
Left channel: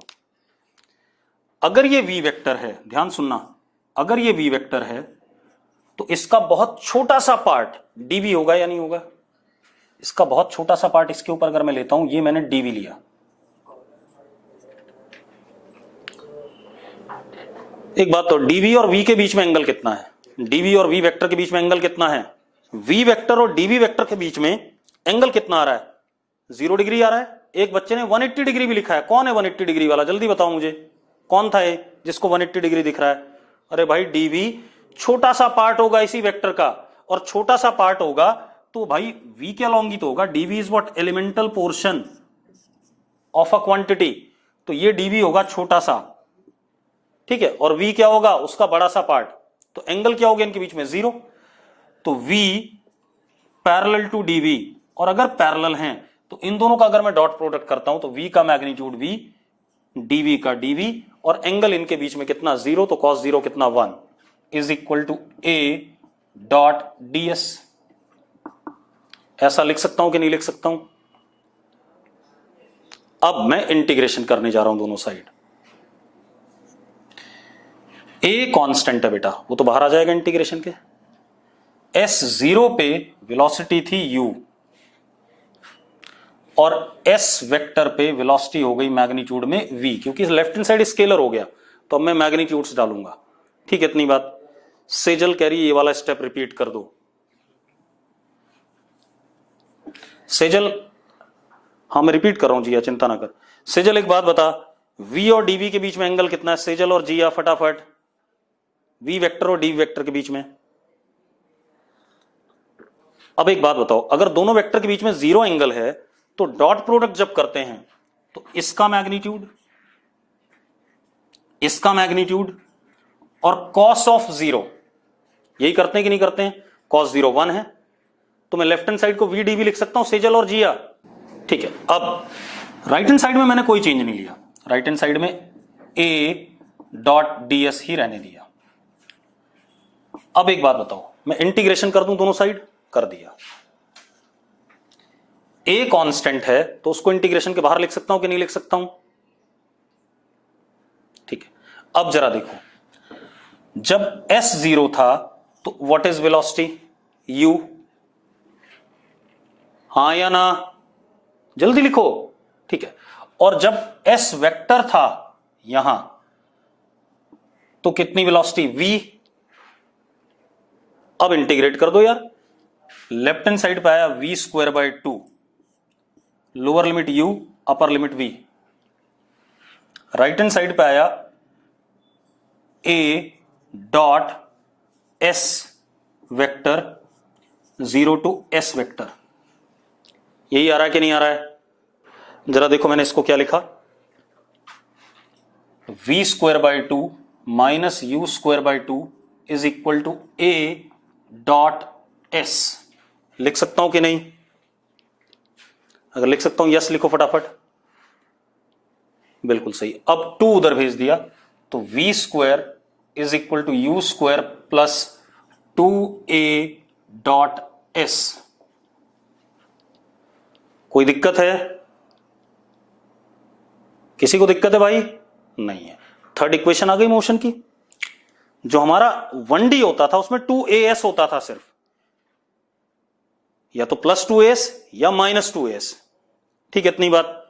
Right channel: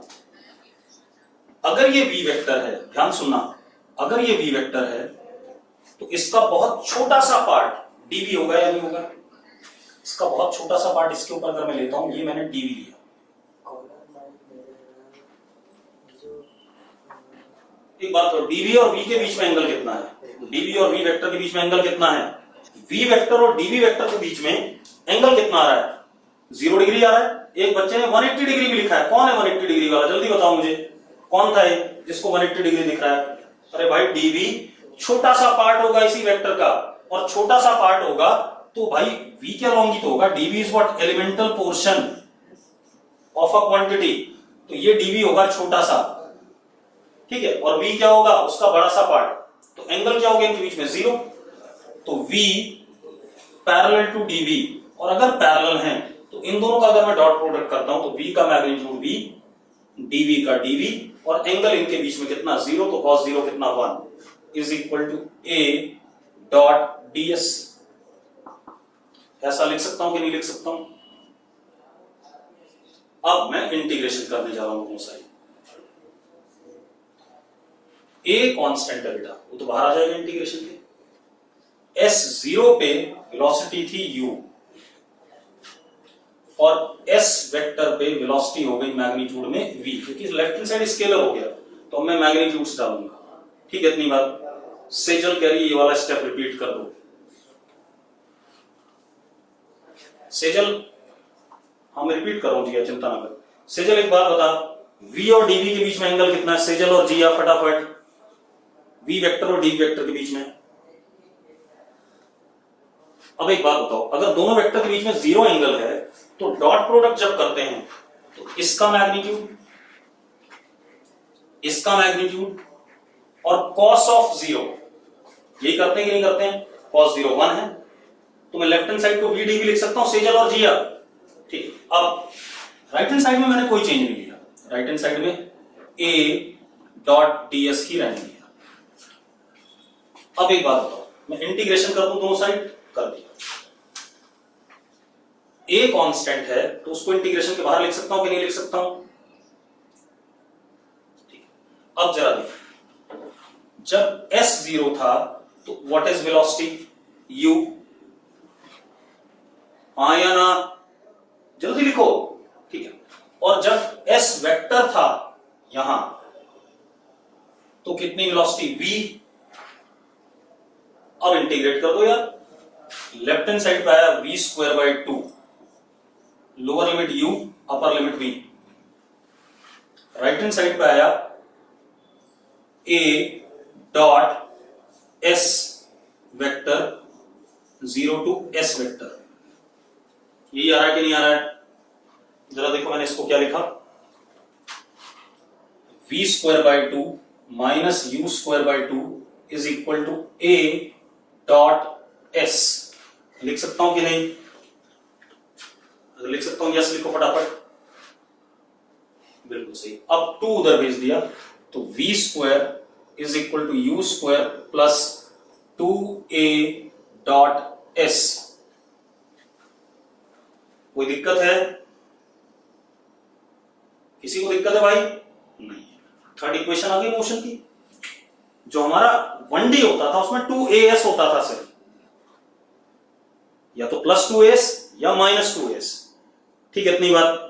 अगर ये v वेक्टर है, ध्यान सुनना, अगर ये v वेक्टर है तो इसका बहुत छोटा सा पार्ट dv होगा या नहीं होगा? इसका बहुत छोटा सा पार्ट इसके ऊपर अगर मैं लेता हूं, ये मैंने dv लिया, एक बात तो dv और v के बीच में एंगल कितना है, dv और v वेक्टर के बीच में एंगल कितना है, v वेक्टर और dv वेक्टर के बीच में एंगल कितना आ रहा है, 0 डिग्री आ रहा है। एक बच्चे ने 180 डिग्री भी लिखा है। कौन है 180 डिग्री वाला, जल्दी बताओ मुझे, कौन था ये जिसको 180 डिग्री दिख रहा है? अरे भाई डीवी छोटा सा पार्ट होगा इसी वेक्टर का, और छोटा सा पार्ट होगा तो भाई वी के अलॉन्ग ही तो होगा। DV is what, elemental portion of a quantity. तो ये डीवी होगा छोटा सा, ठीक है, और वी क्या होगा, उसका बड़ा सा पार्ट। तो एंगल क्या होगा इनके बीच में, 0। तो v पैरेलल टू dv, और अगर पैरेलल हैं तो इन दोनों का अगर मैं डॉट प्रोडक्ट करता हूं तो v का मैग्नीट्यूड v, dv का dv, और एंगल इनके बीच में कितना, 0। तो cos 0 कितना, 1 is equal to a dot ds। ऐसा लिख सकता हूं कि नहीं लिख सकता हूं? अब मैं इंटीग्रेशन करने जा रहा हूं दोनों साइड। a कांस्टेंट है बेटा, वो तो बाहर आ जाएगा इंटीग्रेशन के। S0 पे वेलोसिटी थी u, और S वेक्टर पे वेलोसिटी हो गई मैग्नीट्यूड में v, क्योंकि लेफ्ट हैंड साइड स्केलर हो गया तो अब मैं मैग्नीट्यूड्स डालूंगा। ठीक है, इतनी बात। सेजल कह रही है ये वाला स्टेप रिपीट कर दो। सेजल, हाँ मैं रिपीट कर रहा हूं जी, चिंता ना कर। सेजल एक बात बता, v और dv के बीच में एंगल कितना है? सेजल और जिया फटाफट, v वेक्टर और d वेक्टर के बीच में। अब एक बात बताओ, अगर दोनों वेक्टर के बीच में 0 एंगल है तो डॉट प्रोडक्ट जब करते हैं तो इसका मैग्नीट्यूड, इसका मैग्नीट्यूड और cos ऑफ 0, यही करते हैं कि नहीं करते हैं? cos 0 1 है, तो मैं लेफ्ट हैंड साइड को v dv लिख सकता हूं, सेजल और जिया। ठीक है, अब राइट हैंड साइड में मैंने कोई चेंज नहीं लिया, राइट हैंड साइड में a डॉट ds ही रहने दिया। अब एक बात बताओ, मैं इंटीग्रेशन कर दूं दोनों साइड, कर दिया। a कांस्टेंट है तो उसको इंटीग्रेशन के बाहर लिख सकता हूं कि नहीं लिख सकता हूं? ठीक है, अब जरा देखो, जब s 0 था तो व्हाट इज वेलोसिटी, u, हां या ना, जल्दी लिखो। ठीक है, और जब s वेक्टर था यहां तो कितनी वेलोसिटी, v। अब इंटीग्रेट कर दो यार, लेफ्ट हैंड साइड पे आया v square by 2, lower limit u, upper limit v। Right hand side पे आया a dot s vector 0 to s vector. यही आ रहा है कि नहीं आ रहा है? जरा देखो मैंने इसको क्या लिखा, v square by 2 minus u square by 2 is equal to a dot s। लिख सकता हूं कि नहीं? अगर लिख सकता हूं यस लिखो फटाफट। बिल्कुल सही। अब 2 उधर भेज दिया तो v square is equal to U square plus 2a dot s। कोई दिक्कत है? किसी को दिक्कत है भाई? नहीं है। थर्ड इक्वेशन आ गई मोशन की। जो हमारा 1D होता था उसमें 2as होता था सिर्फ, या तो प्लस 2as या माइनस 2as। ठीक है, इतनी बात।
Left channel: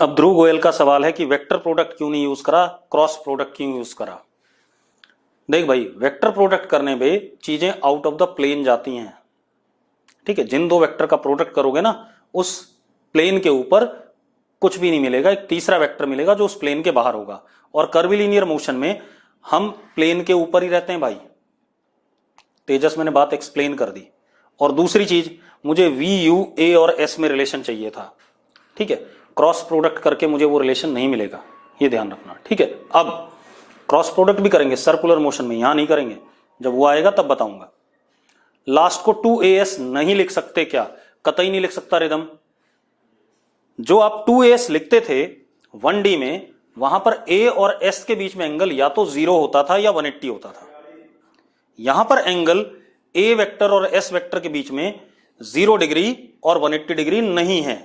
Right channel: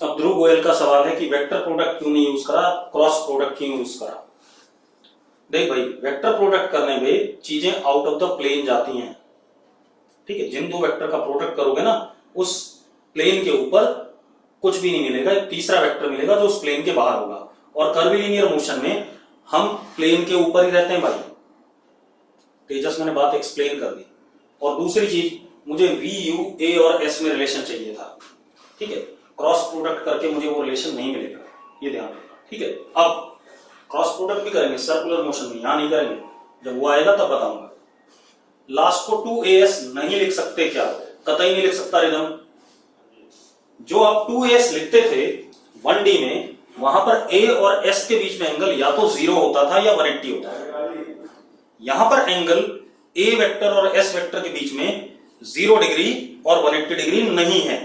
अब ध्रुव गोयल का सवाल है कि वेक्टर प्रोडक्ट क्यों नहीं यूज करा, क्रॉस प्रोडक्ट क्यों यूज करा। देख भाई, वेक्टर प्रोडक्ट करने में चीजें आउट ऑफ द प्लेन जाती हैं। ठीक है, जिन दो वेक्टर का प्रोडक्ट करोगे ना, उस प्लेन के ऊपर कुछ भी नहीं मिलेगा, एक तीसरा वेक्टर मिलेगा जो उस प्लेन के बाहर होगा। और कर्वीलिनियर मोशन में हम प्लेन के ऊपर ही रहते हैं भाई। तेजस, मैंने बात एक्सप्लेन कर दी। और दूसरी चीज, मुझे वी यू ए और एस में रिलेशन चाहिए था। ठीक है, क्रॉस प्रोडक्ट करके मुझे वो रिलेशन नहीं मिलेगा, ये ध्यान रखना। ठीक है, अब क्रॉस प्रोडक्ट भी करेंगे सर्कुलर मोशन में, यहां नहीं करेंगे, जब वो आएगा तब बताऊंगा। लास्ट को 2as नहीं लिख सकते क्या? कतई नहीं लिख सकता रिदम। जो आप 2as लिखते थे 1D में, वहां पर a और s के बीच में एंगल या तो 0 होता था या 180 होता था। यहां पर एंगल a वेक्टर और s वेक्टर के बीच में 0 डिग्री और 180 डिग्री नहीं है।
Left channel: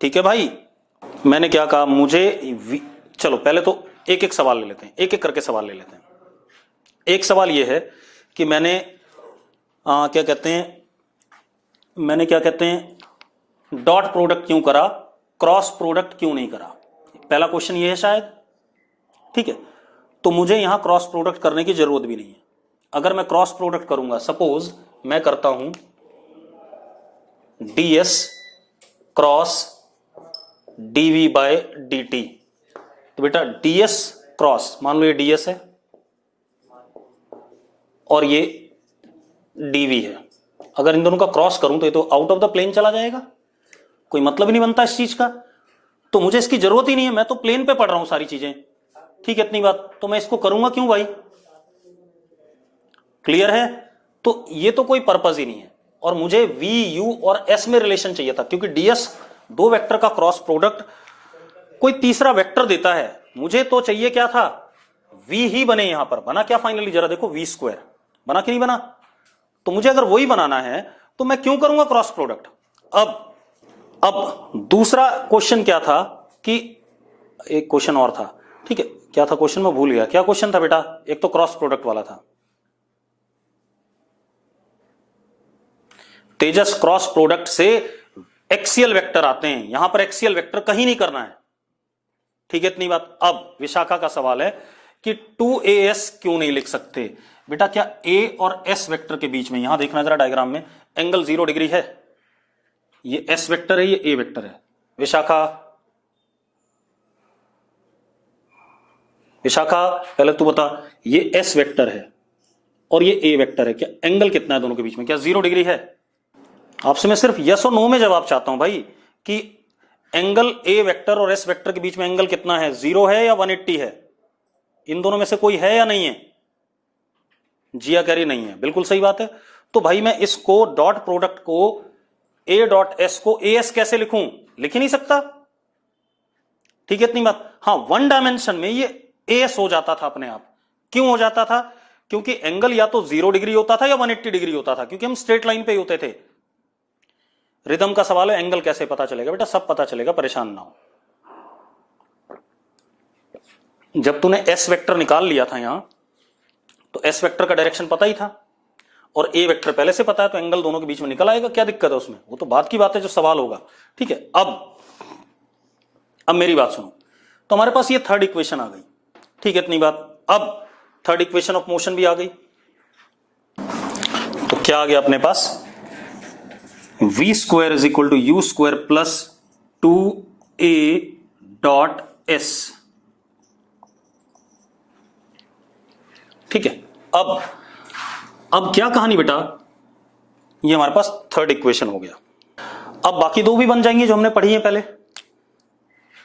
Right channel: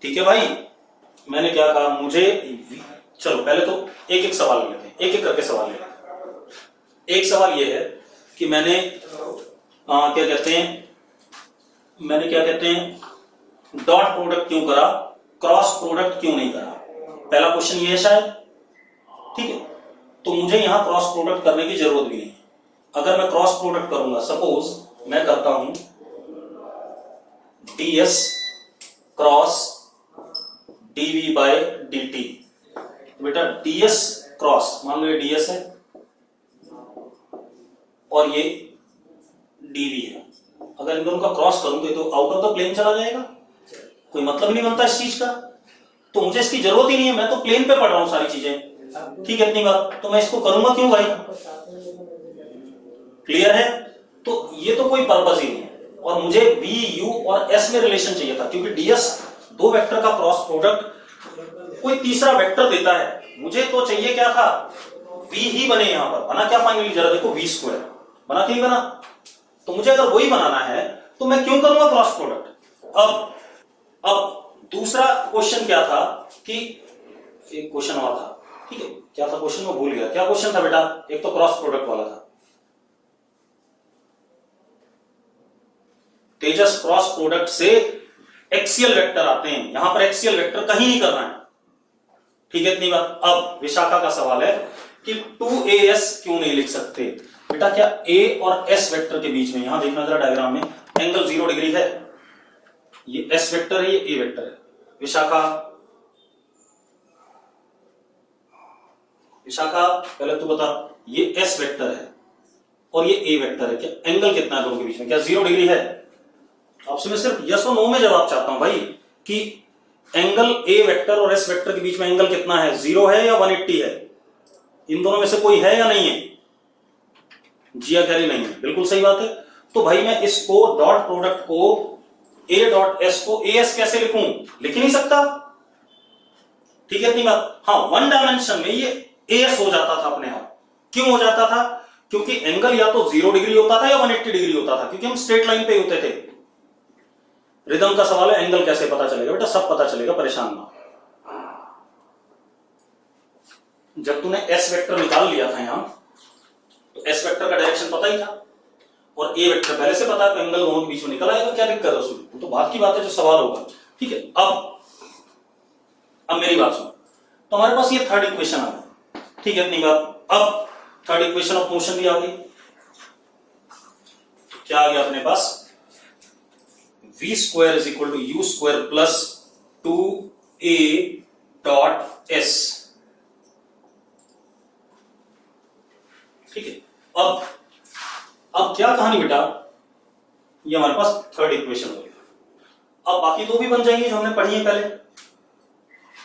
ठीक है भाई, मैंने क्या कहा, मुझे चलो पहले तो एक एक सवाल ले लेते हैं, एक एक करके सवाल ले लेते हैं। एक सवाल यह है कि मैंने क्या कहते हैं डॉट प्रोडक्ट क्यों करा, क्रॉस प्रोडक्ट क्यों नहीं करा। पहला क्वेश्चन ये है शायद। ठीक है, तो मुझे यहां क्रॉस प्रोडक्ट करने की जरूरत भी नहीं है। अगर मैं क्रॉस प्रोडक्ट करूंगा, सपोज मैं करता हूं ds cross dv by dt। तो बेटा ds क्रॉस, मान लो ये ds है और ये dv है, अगर इन दोनों का क्रॉस करूं तो ये तो आउट ऑफ द प्लेन चला जाएगा, कोई मतलब नहीं बनता इस चीज का, तो मुझे इसकी जरूरत ही नहीं है, मैं तो प्लेन पे पढ़ रहा हूं सारी चीजें, ठीक है इतनी बात, तो मैं इसको करूंगा क्यों भाई? क्लियर है? तो ये तो कोई पर्पस ही नहीं है, और मुझे v u और s में रिलेशन चाहिए था, क्योंकि ds दो वेक्टर का क्रॉस प्रोडक्ट कोई तीसरा वेक्टर देता है, मुझे तो चाहिए क्या था, v ही बने, यहां पर बना क्या फाइनली, जरा देखो v स्क्वायर बना कि नहीं बना, तो मुझे अगर वही बनाना है तो मैं क्यों करूंगा क्रॉस प्रोडक्ट। अब दूसरा क्वेश्चन क्या था कि एक क्वेश्चन और था, ठीक है, क्या था क्वेश्चन, मैं भूल गया, क्या क्वेश्चन था बेटा? एक तो क्रॉस प्रोडक्ट वाला था, तेजस क्रॉस प्रोडक्ट से एक्सियल वेक्टर आते हैं, यहां पर एक्सियल वेक्टर कहीं नहीं करना है, ठीक है इतनी बात। अब विशाखा का सवाल है कि 2as क्यों नहीं लिख सकते बेटा, क्या a और s वेक्टर के बीच में, यहां देखना जरा डायग्राम में, एंगल 0 डिग्री है, ये s वेक्टर है, ये a वेक्टर है। विशाखा पहले तू बता, ये s वेक्टर है और ये a वेक्टर है, क्या एंगल कितना है दोनों के बीच में, क्या 0 डिग्री है? आपसे मैं सिर्फ यस और नो में जवाब चाहता हूं भाई, कि एंगल a वेक्टर और s वेक्टर के बीच में एंगल कितना है, 0 है या 180 है, इन दोनों में से कोई है या नहीं है? जिया कह रही नहीं है, बिल्कुल सही बात है। तो भाई मैं इसको डॉट प्रोडक्ट को a डॉट s को as कैसे लिखूं, लिख ही नहीं सकता, ठीक है इतनी बात। हाँ, वन डायमेंशन में ये as हो जाता था अपने आप, क्यों हो जाता था? क्योंकि एंगल या तो 0 डिग्री होता था या 180 डिग्री होता था, क्योंकि हम स्ट्रेट लाइन पे होते थे। रिदम का सवाल है, एंगल कैसे पता चलेगा बेटा? सब पता चलेगा, परेशान ना हो। जब तूने s वेक्टर निकाल लिया था यहां, तो s वेक्टर का डायरेक्शन पता ही था और a वेक्टर पहले से पता है, तो एंगल दोनों के बीच में निकल आएगा, क्या दिक्कत है उसमें? वो तो बात की बात है, जो सवाल होगा, ठीक है। अब मेरी बात सुनो, तो हमारे पास ये थर्ड इक्वेशन आ गई, ठीक है इतनी बात। अब थर्ड इक्वेशन ऑफ मोशन भी आ गई, तो क्या आ गया अपने पास, v square is equal to U square plus 2a dot s, ठीक है। अब क्या कहानी बेटा, ये हमारे पास थर्ड इक्वेशन हो गया। अब बाकी दो भी बन जाएंगी जो हमने पढ़ी है पहले,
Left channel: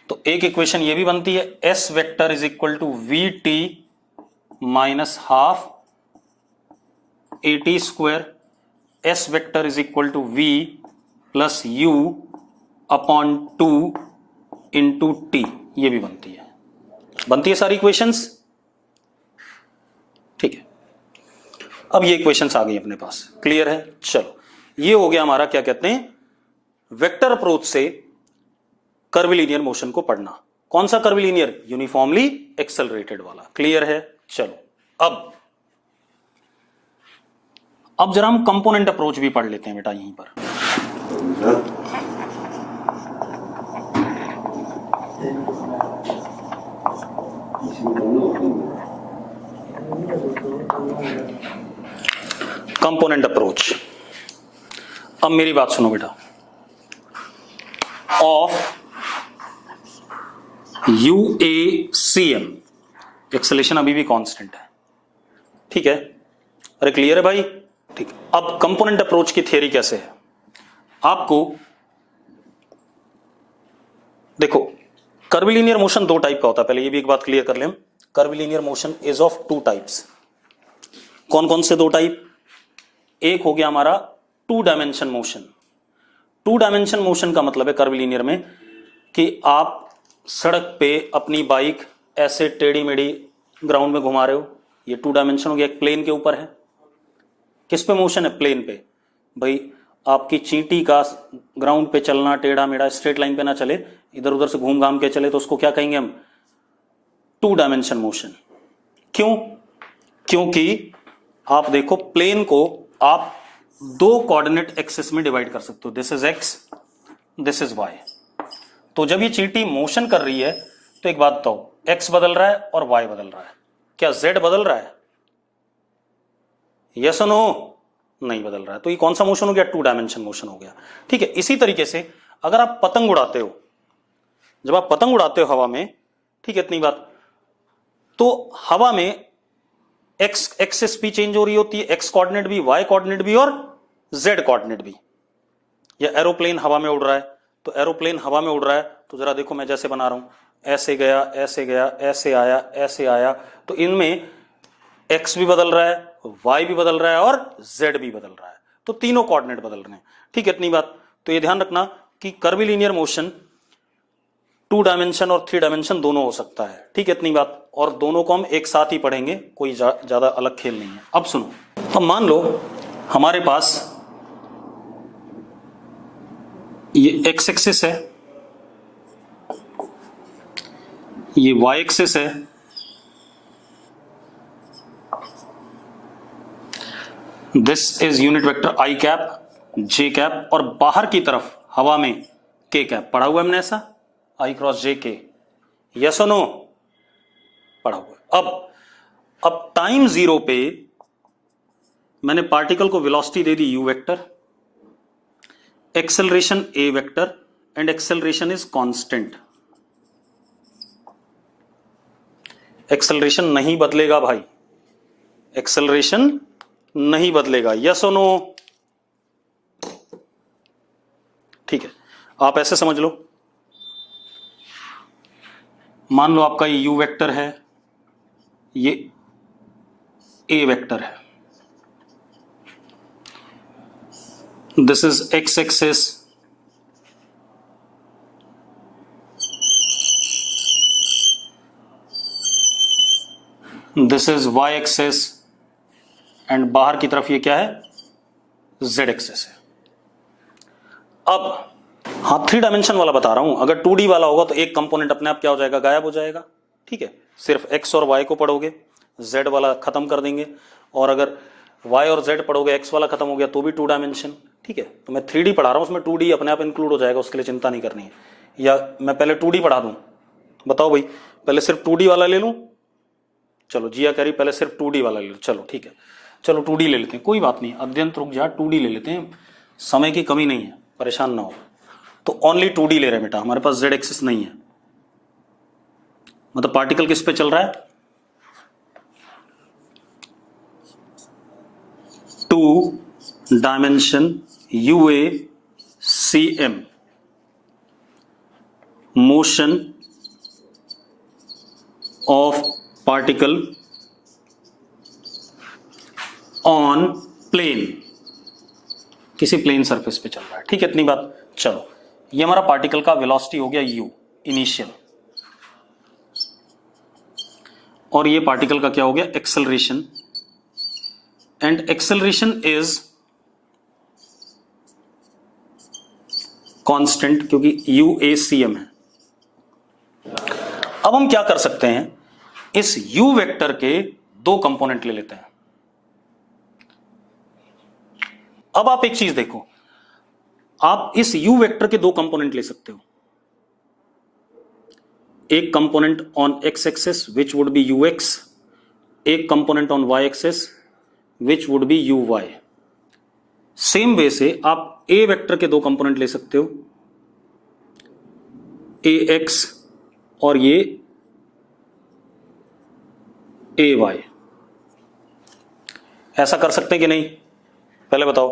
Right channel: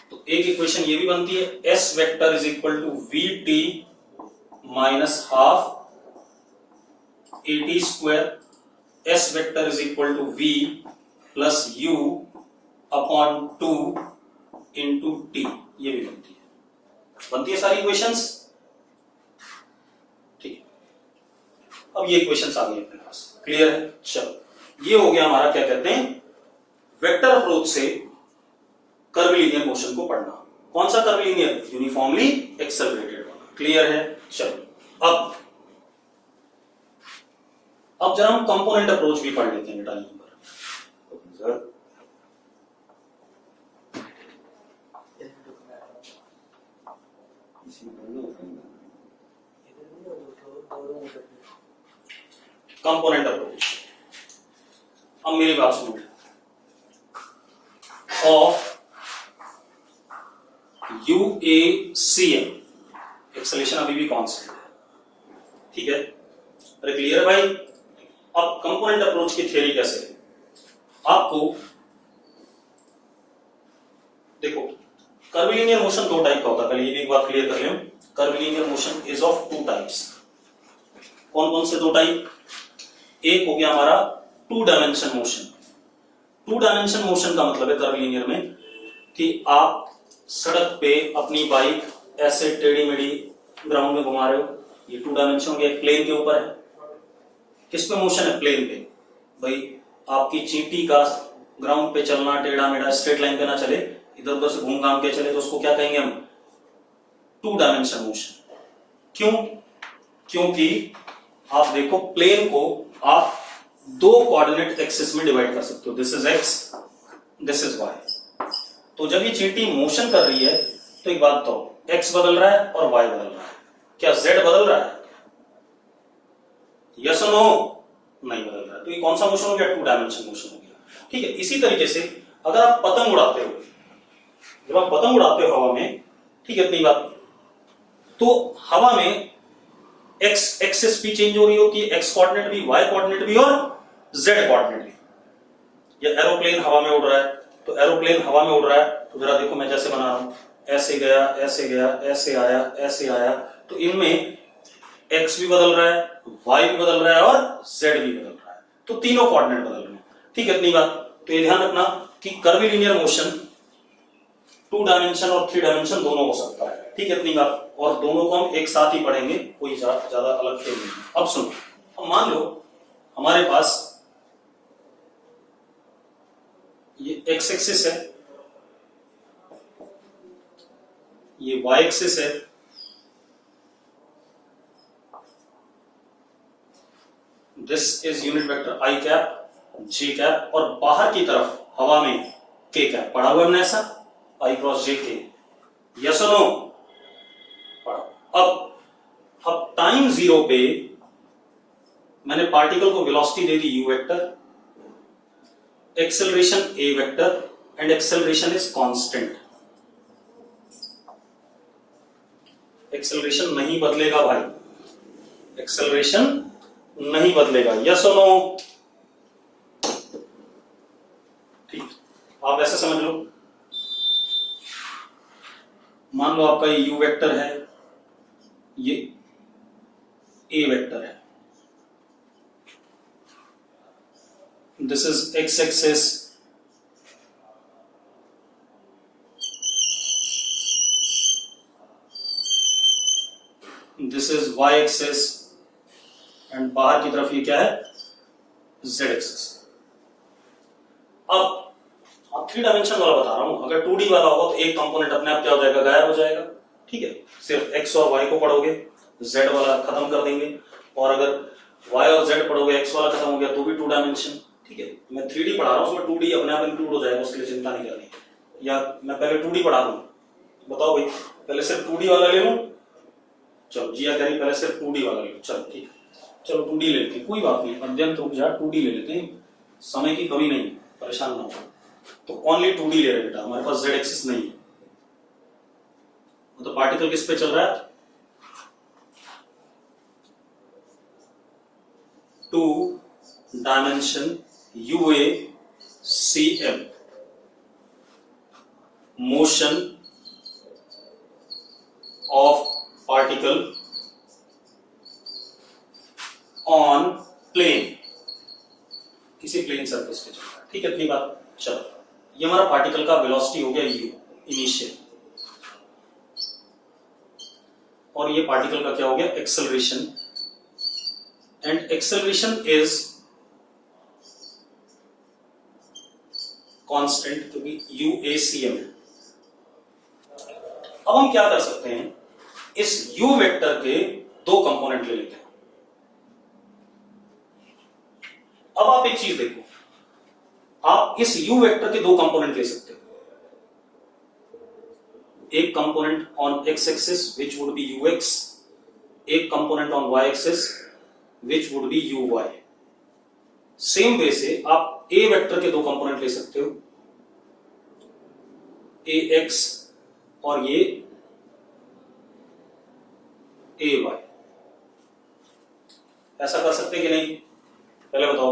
तो एक इक्वेशन ये भी बनती है, s vector is equal to V T minus half A T square, s vector is equal to v plus u upon 2 into T, ये भी बनती है सारी इक्वेशंस, ठीक है। अब ये इक्वेशंस आ गई अपने पास, क्लियर है? चलो, ये हो गया हमारा, क्या कहते हैं, वेक्टर अप्रोच से कर्विलिनियर मोशन को पढ़ना। कौन सा कर्विलिनियर? यूनिफॉर्मली एक्सेलरेटेड वाला, क्लियर है? चलो, अब जरा हम कंपोनेंट अप्रोच भी पढ़ लेते हैं बेटा यहीं पर। कंपोनेंट अप्रोच, अब मेरी बात सुनो बेटा, ऑफ UACM, एक्सेलेरेशन अभी भी कांस्टेंट है, ठीक है? अरे क्लियर है भाई? ठीक। अब कंपोनेंट अप्रोच की थ्योरी कैसे है, आपको देखो, कर्विलिनियर मोशन दो टाइप का होता है, पहले ये भी एक बात क्लियर कर लें, curvilinear motion is of two types. कौन कौन से दो टाइप? एक हो गया हमारा two dimension motion. Two dimension motion का मतलब है कर्विलिनियर में कि आप सड़क पे अपनी बाइक ऐसे टेढ़ी मेढ़ी ग्राउंड में घुमा रहे हो, ये टू डायमेंशन हो गया, एक प्लेन के ऊपर है। किस पे मोशन है? प्लेन पे। भाई आपकी चींटी का ग्राउंड पे चलना टेढ़ा मेढ़ा स्ट्रेट लाइन पे ना चले, इधर उधर से घूम घाम के चले, तो उसको क्या कहेंगे हम? Two dimension motion. क्यों? क्योंकि आप देखो, प्लेन को आप दो कोऑर्डिनेट एक्सिस में डिवाइड कर सकते हो, this is X, this is Y. तो जब ये चींटी मोशन कर रही है तो एक बात बताओ, एक्स बदल रहा है और वाई बदल रहा है, क्या जेड बदल रहा है? Yes no? नहीं बदल रहा है। तो ये कौन सा मोशन हो गया? 2 डायमेंशन मोशन हो गया। ठीक है, इसी तरीके से अगर आप पतंग उड़ाते हो, जब आप पतंग उड़ाते हो हवा में, ठीक है, इतनी बात, तो हवा में एक्स एक्सिस भी चेंज हो रही होती है, एक्स कोऑर्डिनेट भी, वाई कोऑर्डिनेट भी और जेड कोऑर्डिनेट भी। या एरोप्लेन हवा में उड़ रहा है, तो एरोप्लेन हवा में उड़ रहा है तो जरा देखो मैं जैसे बना रहा हूं, ऐसे गया, ऐसे गया, ऐसे आया, ऐसे आया, तो इनमें एक्स भी बदल रहा है, वाई भी बदल रहा है और जेड भी बदल रहा है, तो तीनों कोऑर्डिनेट बदल रहे हैं। ठीक है, इतनी बात। तो ये ध्यान रखना कि कर्वीलिनियर मोशन 2 डायमेंशन और 3 डायमेंशन दोनों हो सकता है। ठीक है, इतनी बात, और दोनों को हम एक साथ ही पढ़ेंगे, कोई ज्यादा अलग खेल नहीं है। अब सुनो, अब मान लो हमारे पास ये एक्स एक्सिस है, ये वाई एक्सिस है, this is unit vector I cap, J cap, और बाहर की तरफ हवा में के कैप। पढ़ा हुआ हमने ऐसा, आई क्रॉस जे के, यस और नो? पढ़ा हुआ। अब टाइम 0 पे मैंने पार्टिकल को velocity they the you vector, acceleration A vector, and acceleration is constant. Acceleration नहीं बदलेगा भाई, एक्सेलरेशन नहीं बदलेगा, यस और नो? ठीक है, आप ऐसे समझ लो, मान लो आपका ये यू वेक्टर है, ये ए वेक्टर है, this is X axis, this is Y axis, and बाहर की तरफ ये क्या है? जेड एक्सिस है। अब हाँ, 3 डायमेंशन वाला बता रहा हूं, अगर 2D वाला होगा तो एक कंपोनेंट अपने आप क्या हो जाएगा? गायब हो जाएगा। ठीक है, सिर्फ एक्स और वाई को पढ़ोगे, जेड वाला खत्म कर देंगे, और अगर वाई और जेड पढ़ोगे, एक्स वाला खत्म हो गया तो भी 2 डायमेंशन। ठीक है, तो मैं 3D पढ़ा रहा हूं, उसमें 2D अपने आप इंक्लूड हो जाएगा, उसके लिए चिंता नहीं करनी है। या मैं पहले 2D पढ़ा दूं? बताओ भाई, पहले सिर्फ 2D वाला ले लूं? चलो, जिया कह रही पहले सिर्फ 2D वाला ले लो, चलो ठीक है, चलो 2D ले लेते हैं, कोई बात नहीं, अध्ययन रुक जा, 2D ले लेते हैं, समय की कमी नहीं है, परेशान ना हो। तो ओनली 2D ले रहे हैं बेटा, हमारे पास जेड एक्सिस नहीं है, मतलब पार्टिकल किस पे चल रहा है? 2 dimension UACM motion of particle on plane, किसी प्लेन सरफेस पे चल रहा है। ठीक है, इतनी बात। चलो, ये हमारा पार्टिकल का वेलोसिटी हो गया u इनिशियल, और ये पार्टिकल का क्या हो गया? Acceleration, and acceleration is constant क्योंकि UACM है। अब हम क्या कर सकते हैं, इस u वेक्टर के 2 कंपोनेंट ले लेते हैं। अब आप एक चीज देखो, आप इस u वेक्टर के 2 कंपोनेंट ले सकते हो, एक component on x axis which would be ux, एक component on y axis which would be uy। Same way से आप a वेक्टर के 2 कंपोनेंट ले सकते हो, ax और ये ay। ऐसा कर सकते हैं कि नहीं? पहले बताओ,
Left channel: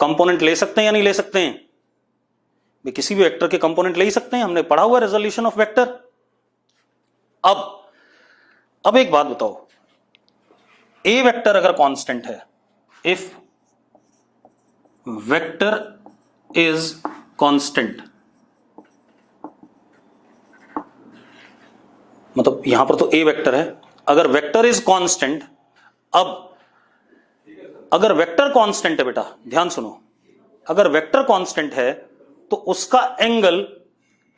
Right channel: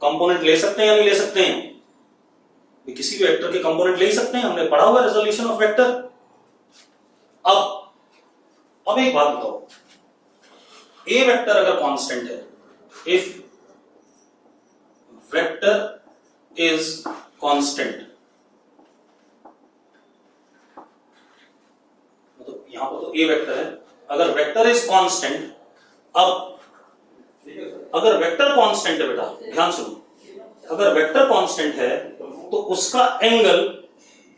कंपोनेंट ले सकते हैं या नहीं ले सकते हैं? भी किसी भी वेक्टर के कंपोनेंट ले ही सकते हैं, हमने पढ़ा हुआ रेजोल्यूशन ऑफ वेक्टर। अब एक बात बताओ, ए वेक्टर अगर कांस्टेंट है, इफ वेक्टर इज कांस्टेंट, मतलब यहां पर तो ए वेक्टर है, अगर वेक्टर इज कांस्टेंट, अब अगर वेक्टर कांस्टेंट है बेटा, ध्यान सुनो, अगर वेक्टर कांस्टेंट है तो उसका एंगल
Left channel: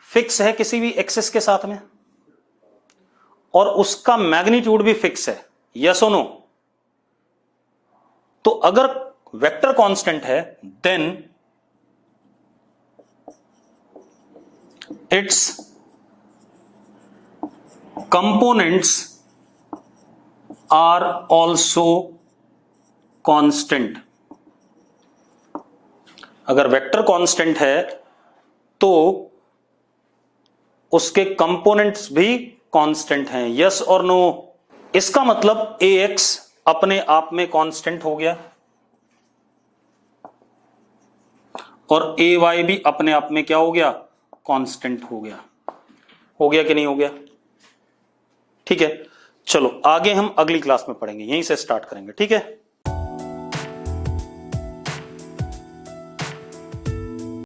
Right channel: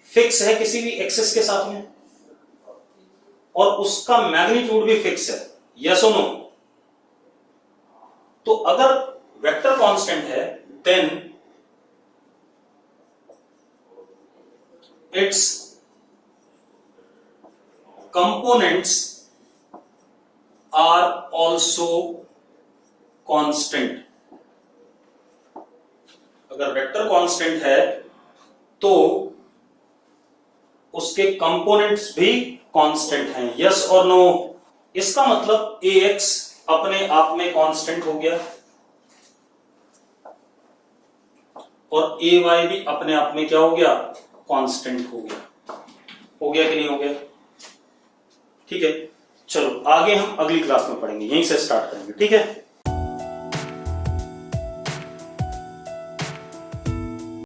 फिक्स है किसी भी एक्सिस के साथ में, और उसका मैग्नीट्यूड भी फिक्स है, यस और नो? तो अगर वेक्टर कांस्टेंट है then its components are also constant. अगर वेक्टर कांस्टेंट है तो उसके कंपोनेंट्स भी कांस्टेंट हैं, यस और नो। इसका मतलब ax अपने आप में कांस्टेंट हो गया और ay भी अपने आप में क्या हो गया, कांस्टेंट हो गया। हो गया कि नहीं हो गया? ठीक है, चलो आगे हम अगली क्लास में पढ़ेंगे, यहीं से स्टार्ट करेंगे। ठीक है।